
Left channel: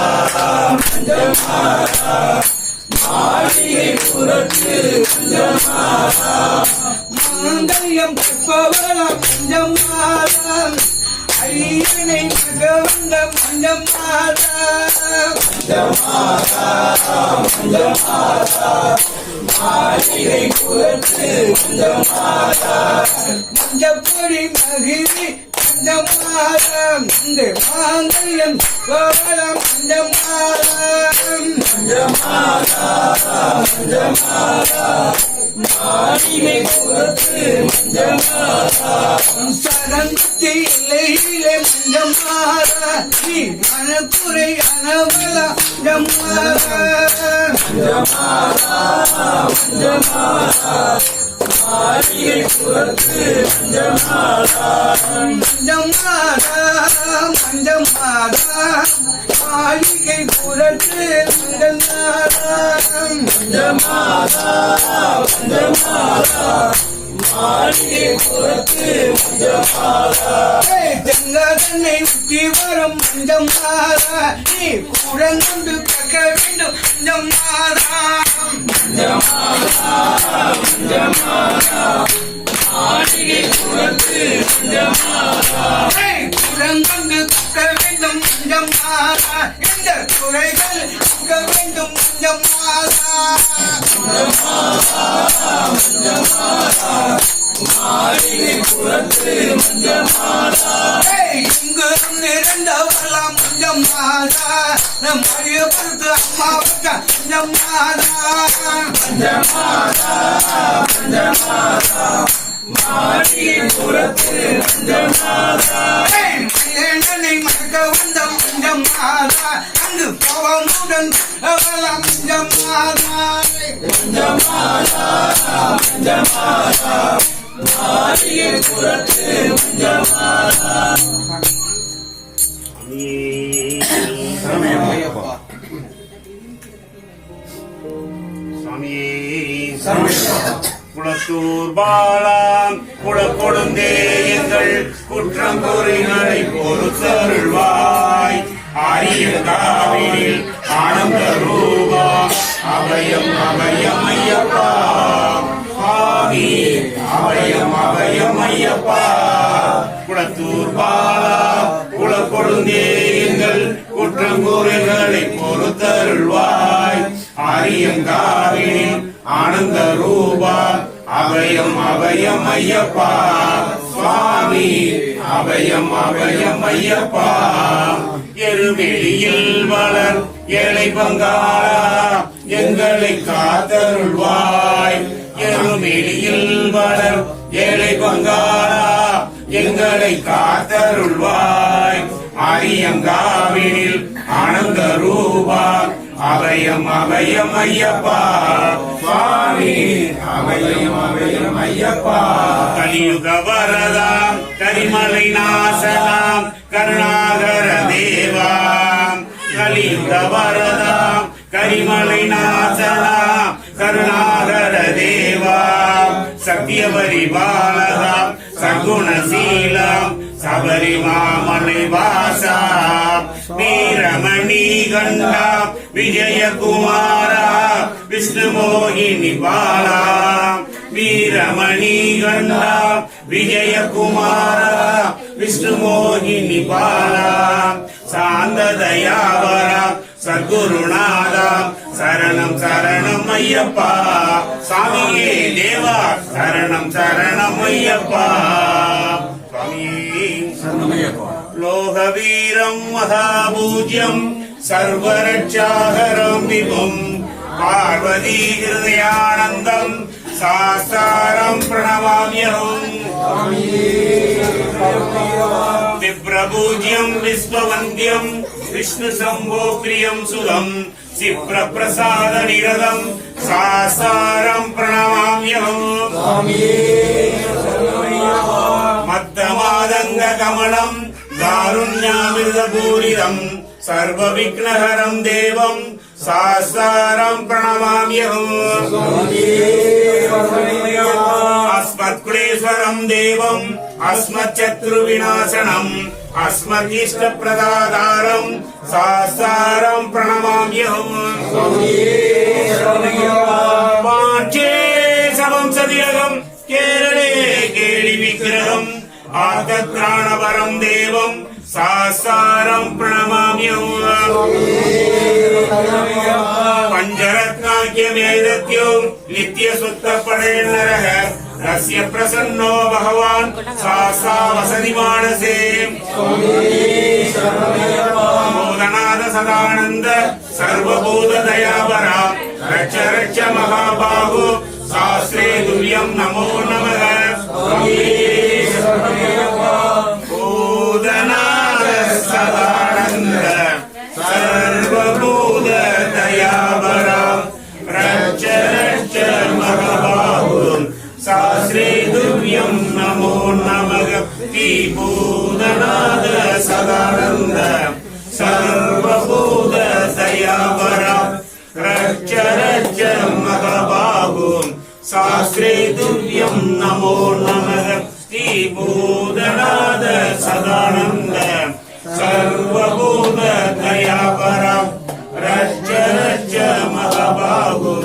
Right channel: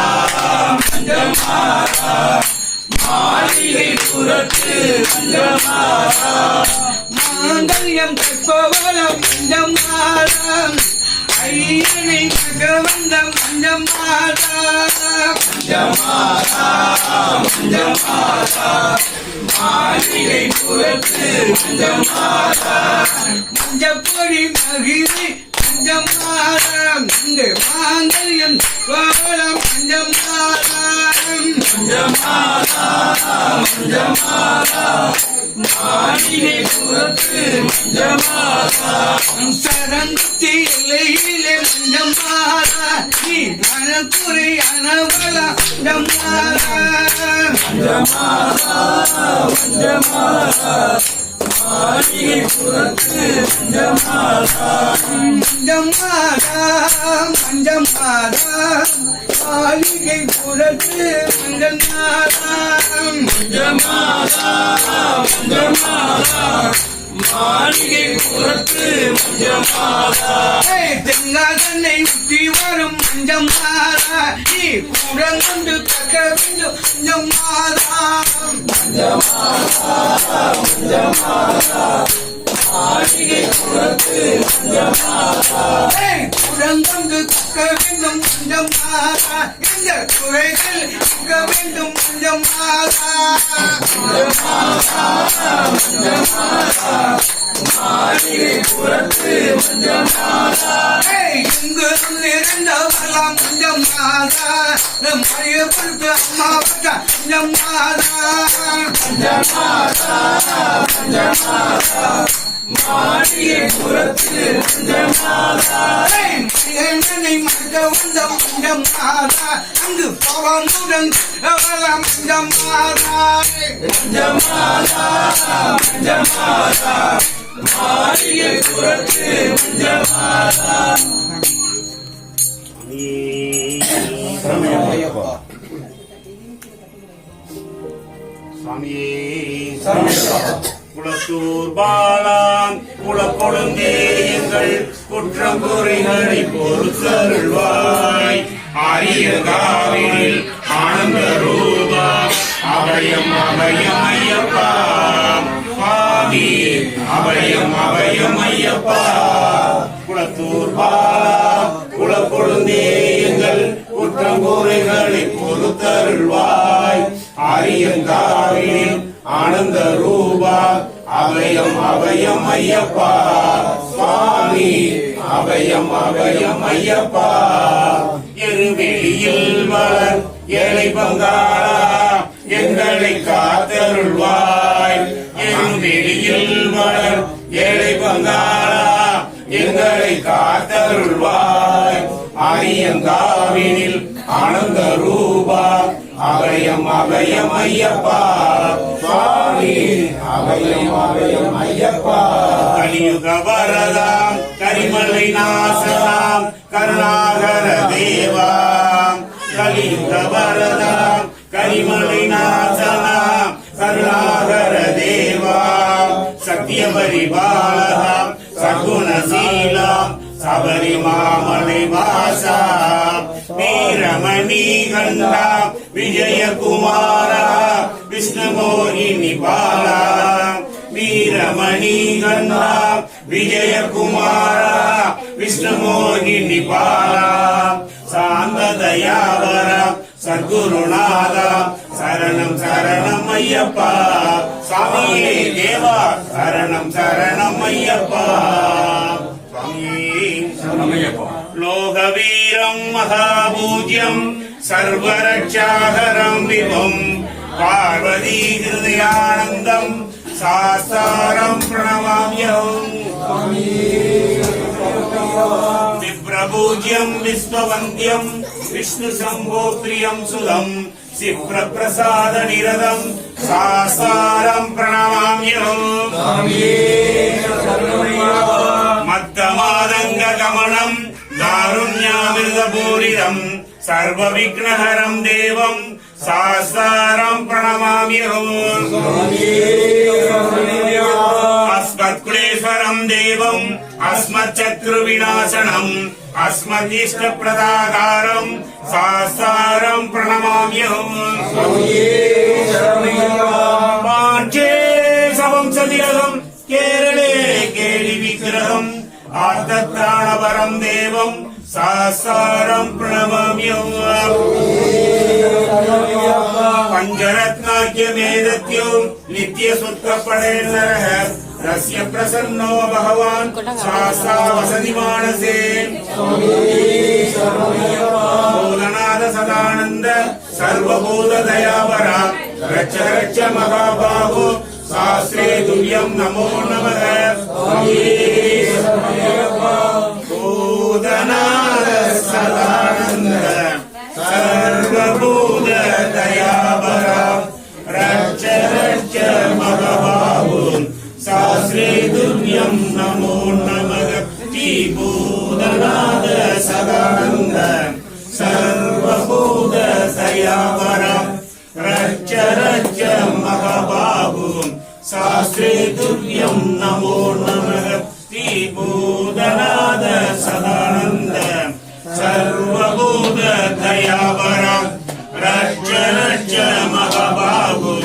மஞ்சம்மாதா மாளிகை புறத்து மஞ்சம்மாதா மாந்தல்யம் கற்பவளம் மஞ்சம்மாதா ஐயனை மகவந்த மஞ்சம்மாதா மஞ்சம்மாதா மஞ்சம்மாதா மாளிகை புறத்து மஞ்சம்மாதா மஞ்சப்பொடி மகிழ்ச்சி மஞ்சம்மாதா இந்த மாங்கல்யம் கோவளம் மஞ்சம்மாதா மஞ்சம்மாதா மஞ்சம்மாதா மாளிகை புறத்து மஞ்சம்மாதா சரந்தி எல்லையிலே மஞ்சம்மாதா நீ நனக்குறை அனவலா மஞ்சம்மாதா மஞ்சம்மாதா மஞ்சம்மாதா மாளிகை புறத்து மஞ்சம்மாதா மஞ்சம்மாதா மஞ்சம்மாதா மாளிகை புறத்து மஞ்சம்மாதா மஞ்சம்மாதா மஞ்சம்மாதா மாளிகை புறத்து மஞ்சம்மாதா தெங்காதன்னை உத்தி வரும் மஞ்சம்மாதா நீ கூடங்கொண்டு கக்க வேண்டும் மஞ்சம்மாதா மஞ்சம்மாதா மஞ்சம்மாதா மாளிகை புறத்து மஞ்சம்மாதா கூடங்கொண்டு கக்க வேண்டும் மஞ்சம்மாதா இந்த துறைகள் கக்க வேண்டும் மஞ்சம்மாதா மஞ்சம்மாதா மஞ்சம்மாதா மாளிகை புறத்து மஞ்சம்மாதா இங்கு இருந்தவெல்லாம் மஞ்சம்மாதா நம் அறியப்படுத்து அம்மாவுக்கு மஞ்சம்மாதா மஞ்சம்மாதா மஞ்சம்மாதா மாளிகை புறத்து மஞ்சம்மாதா என்னை மறக்க வந்த மஞ்சம்மாதா அங்கு பவமுடன் அவெல்லாம் மஞ்சம்மாதா மஞ்சம்மாதா மஞ்சம்மாதா மாளிகை புறத்து மஞ்சம்மாதா சுவாமியே குளத்தூர் பாலாம் குளக்கொழுந்தே எங்கள் குற்றம் குறைகளை பொறுத்தருள்வாய் ஆரிய காவிரில் ஆனந்த ரூபா அபயம் அபயம் ஐயப்பா சுவாமி அபயம் அபயம் ஐயப்பா குளத்தூர் பாலா குளக்கொழுந்தே எங்கள் குற்றம் குறைகளை பொறுத்தருள்வாய் ஆரியங்காவிலே ரூபா அபயம் அபயம் ஐயப்பா சுவாமி அபயம் அபயம் ஐயப்பா எருமெளியில் வளர் ஏழை பங்காளா எங்களை காத்தருள்வாய் எருமெளியில் வளர் ஏழை பங்காளா எங்களை காத்தருள்வாய் ஆரியங்காவினில் ஆனந்த ரூபா அபயம் அபயம் ஐயப்பா சுவாமி அபயம் அபயம் ஐயப்பா கலியுக வரதா கரிமலை நாசகா கருணாகர தேவா கலியுக வரதா கரிமலை நாசகா கருணாகர தேவா சத்தியவரி பாலகா சகுணசீலா சபரி மாமலை வாசா வீரமணி கண்டா விஜயகுமாரா விஷ்ணு மோகினி பாலா வீரமணி கண்டா விஜயகுமாரா விஷ்ணு மோகினி பாலா சாந்ததயாவரா சத்குருநாதா சரணம் சரணம் ஐயப்பா சாமியே தேவா சரணம் சரணம் ஐயப்பா லோகவீரம் மகாபூஜ்யம் சர்வரட்சாகரம் விபும் பார்வதி ஹிருதயானந்தம் சாஸ்தாரம் பிரணமாம்யஹம் விப்ரபூஜ்யம் விஸ்வவந்தியம் விஷ்ணு சம்போ பிரியம் சுதம் சிப்ரபிரசாத நிரதம் சாஸ்தாரம் பிரணமாம்யஹம் மத்தமாதங்க கமலம் காருண்யாமிர்தபூரிதம் சர்வ விக்னஹரம் தேவம் சாஸ்தாரம் பிரணமாம்யஹம் அஸ்மத்குலேஸ்வரம் தேவம் அஸ்மச்சத்ரு விநாசனம் அஸ்மதிஷ்ட பிரதாதாரம் சாஸ்தாரம் பிரணமாம்யஹம் பாஞ்சே சவம்சதிரகம் கேரளே கேளி விக்கிரகம் ஆர்த்தத்ராணபரம் தேவம் சாஸ்தாரம் பிரணமாம்யஹம் பஞ்சரத்னாக்கிய வேதத்யோம் நித்ய சுத்த படேன்னரஹ ரஸ்ய பிரசன்னோ பகவான் சாஸ்தா வசதி மானசே போதநாத சதானந்த சர்வபூத தயாவரா ரட்ச ரட்ச மகாபாகு சாஸ்திரே துல்யம் நமோ நமः பூதநாத சதானந்த சர்வபூத தயாவரா ரட்ச ரட்ச மகாபாகு சாஸ்திரே துல்யம் நமோ நமः பூதநாத சதானந்த சர்வபூத தயாவரா ரட்ச ரட்ச மகாபாகு சாஸ்திரே துல்யம் நமோ நமः பூதநாத சதானந்த சர்வபூத தயாவரா ரட்ச ரட்ச மகாபாகு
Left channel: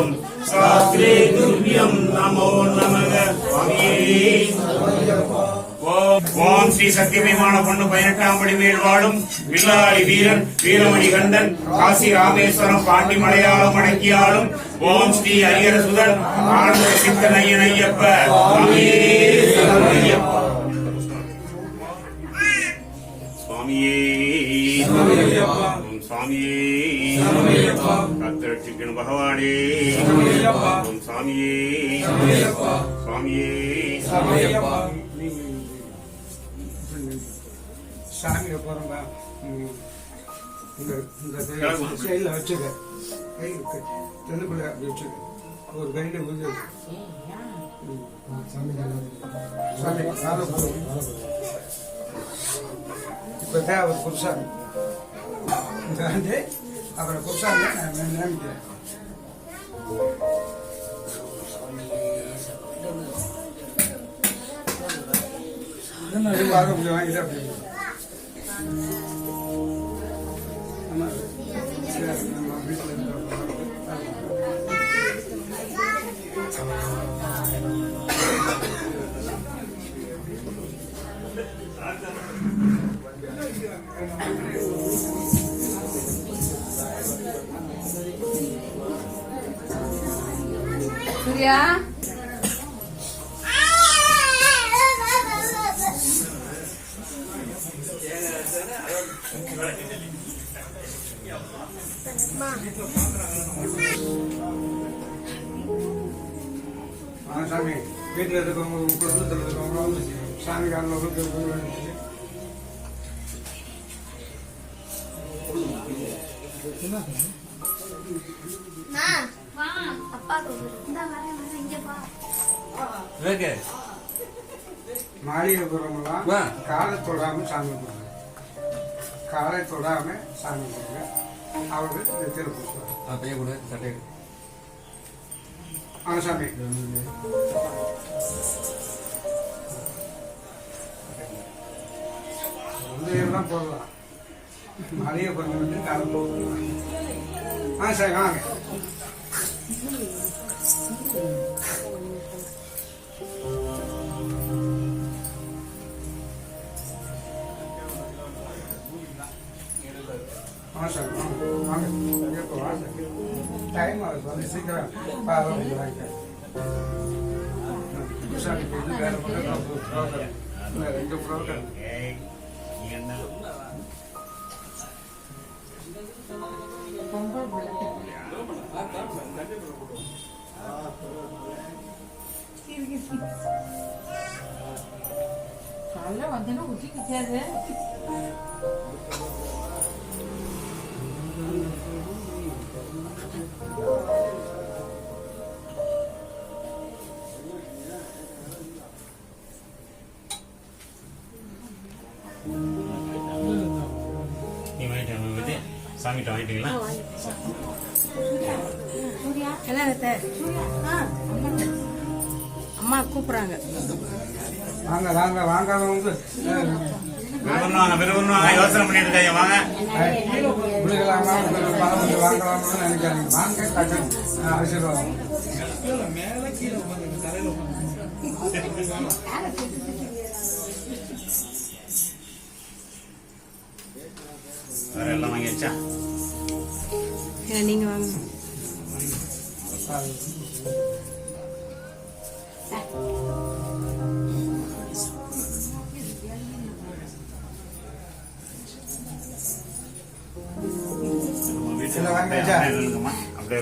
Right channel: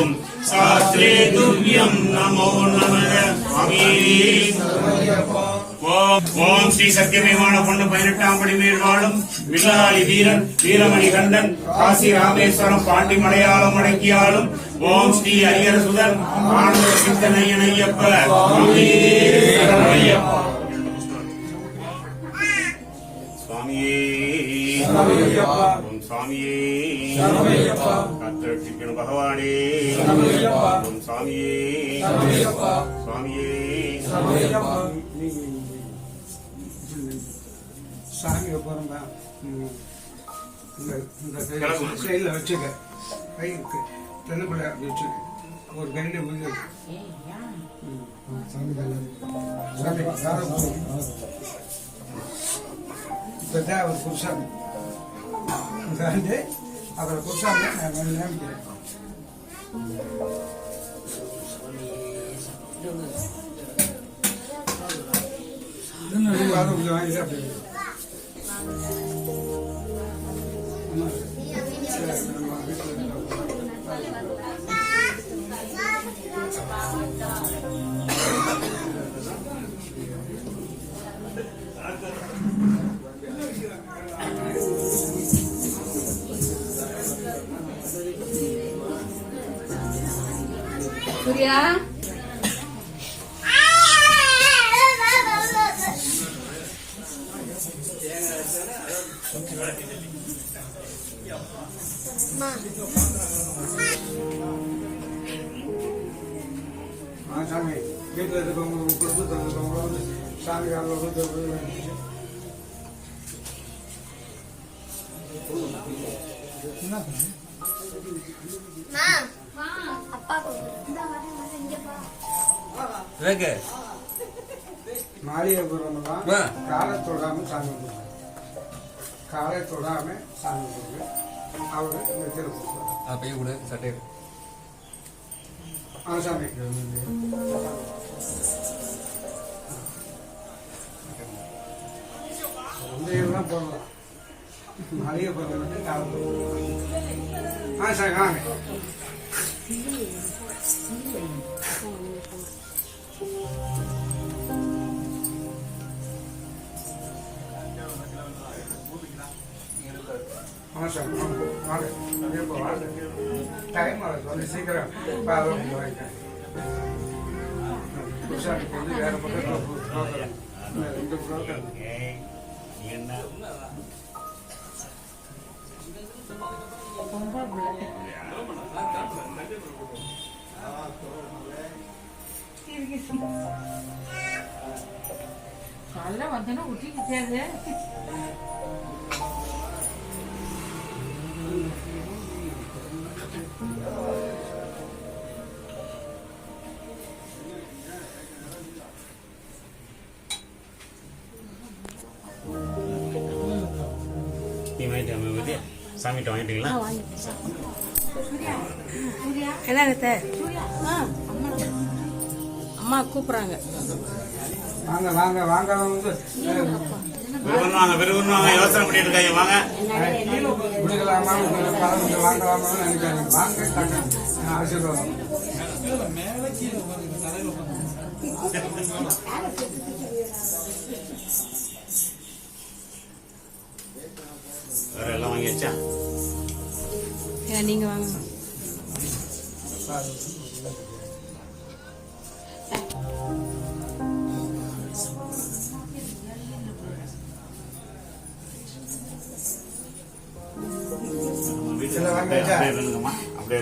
சாஸ்திரே துல்யம் நமோ நமः ஓம் ஸ்ரீ சத்தியமேமான பொண்ணு 18ஆம் படி மேல் வாழும் வில்லாளி வீரன் வீரமணி கண்டன் காசி ராமேஸ்வரம் பாண்டி மலையாளம் அடக்கியாளும் ஓம் ஸ்ரீ ஐயர சுதன் ஆனந்த சித்தன் ஐயன் ஐயப்ப சுவாமியே ஓம் சுவாமியே காத்திரட்சிக்கணும் பகவானே ஓம் சுவாமியே சுவாமியே சாமியை போறோம்பா இந்த சைடில் வச்சுக்க கை தென்னுக்குள்ள அப்படி வச்சுக்க ஒரு கையில உள்ள இப்பதான் அவர் புருஷாமி வந்து அவரை புருஷாமி நான் நினைக்கிறேன் வாங்கிட்டு அப்படி ஆமா நம்ம வீட்டில் சூர்யா சாமி வீட்டில் இருக்கவங்க குடும்பத்தில் இருக்கவங்க வந்து சாமி காலில் மாளிகை போடுறவங்கலாம் காலை தொடாம சாமி போடுறாங்க. காலை தொடாம சாமி போடுங்க. அவரு இந்த திருப்பூர் பையன் கூட சட்டை சாமி எல்லாம் போடலாம். மாளிகை போடுறவங்க காலை போடுறாங்க. சரி வாங்க. டைம் ஆகுது சீக்கிரம் வேற பக்கம் இந்த புரோக்கர் காலைல வந்தனா ஊட்டிக்கிட்டாரு. சாமிட்ட வாங்கிட்டீங்களா? அம்மா கூப்பிடுறாங்க. வாங்க வாங்க வாங்க விரும்புவாங்க யோசனை பண்ணிட்டு இருக்காங்க. வாங்க வாங்கலாமா நினைக்கிறாங்க. வாங்க ஆசீர்வாதம். வேற எல்லாம் வாங்கியாச்சா? நீங்க வாங்க. அப்படியே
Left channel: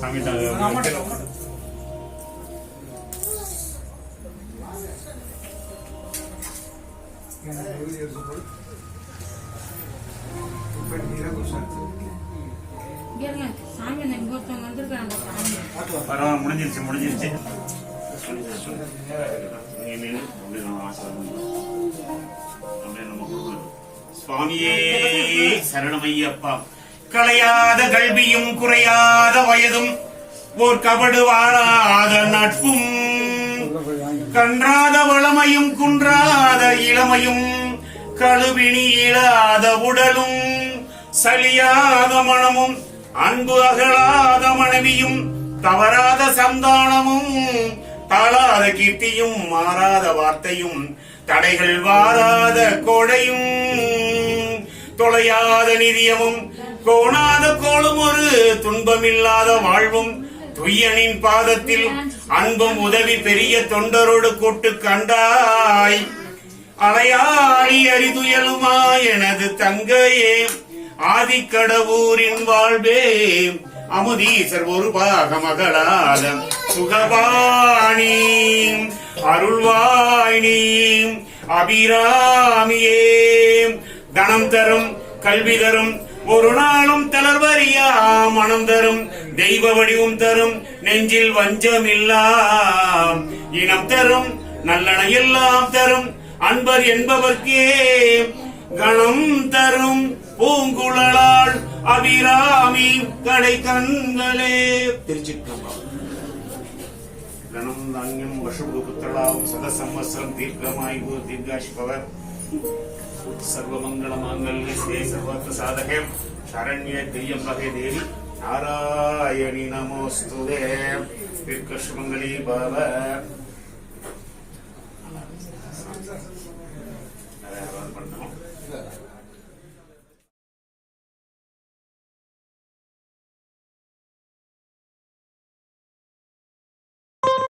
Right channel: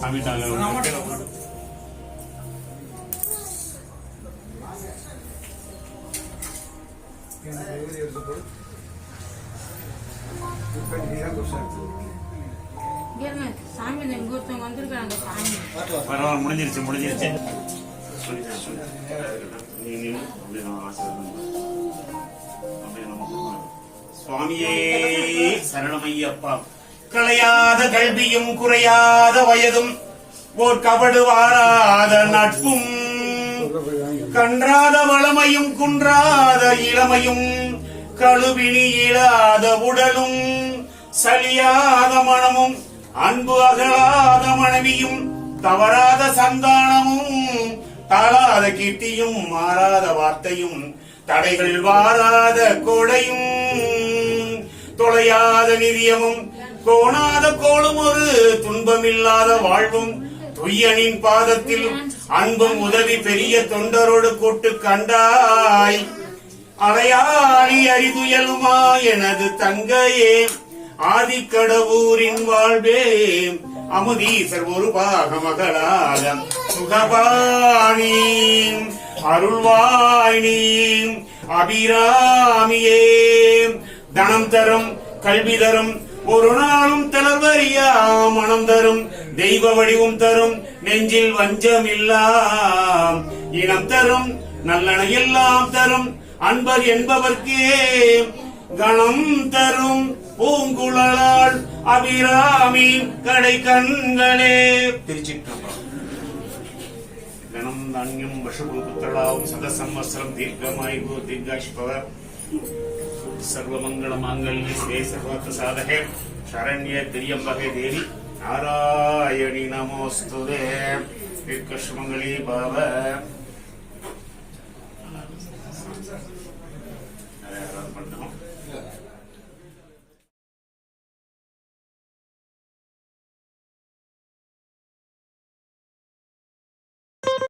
சாமி சாமி ஒருத்தவங்க வந்திருக்காங்க. பரவாயில்ல, முடிஞ்சிருச்சு. சுவாமியே சரணமையப்பா. களையாத கல்வியும் குறையாத வயதும் ஓர் கபடு வாராத நட்பும் கன்றாத வளமையும் குன்றாத இளமையும் கழுவினி இழாத உடலும் சலியாத மனமும் அன்பு அகலாத மனைவியும் தவறாத சந்தானமும் தாழாத கீர்த்தியும் மாறாத வார்த்தையும் தடைகள் வாராத கொடையும் தொலையாத நிதியமும் கோணாத கோளும் ஒரு துன்பமில்லாத வாழ்வும் துய்யனின் பாதத்தில் அன்பும் உதவி பெரிய தொண்டரோடு கூட்டு கண்டாய் அலையாளி அரிதுயலுமா எனது தங்கையே ஆதிக்கடவூரின் வாழ்வே அமுதீசர் ஒரு பாக மகளால சுகபாணி அருள்வாயினி அபிராமியே தனம் தரும் கல்வி தரும் ஒரு நாளும் தளர்வறியா மனம் தரும் தெய்வ வடிவும் தரும் நெஞ்சில் வஞ்சமில்லா இனம் தரும் நல்லன எல்லாம் தரும் அன்பர் என்பவர்க்கே கணம் தரும் பூங்குழலாள் அபிராமி கடை கண்களே. திருச்சிற்றம்பலம். கணம் தானியம் வசுபு புத்தளாவும் சத சம்வத்சரம் தீர்க்கமாய் தீர்காஷ்பவர் சர்வமங்கள மாங்கல்ய ஸ்ரீ சர்வார்த்த சாதகே சரண்ய திரியம்பகே தேவி நாராயணி நமோஸ்துதே. தீர்க்கஷ்மங்களி பாவ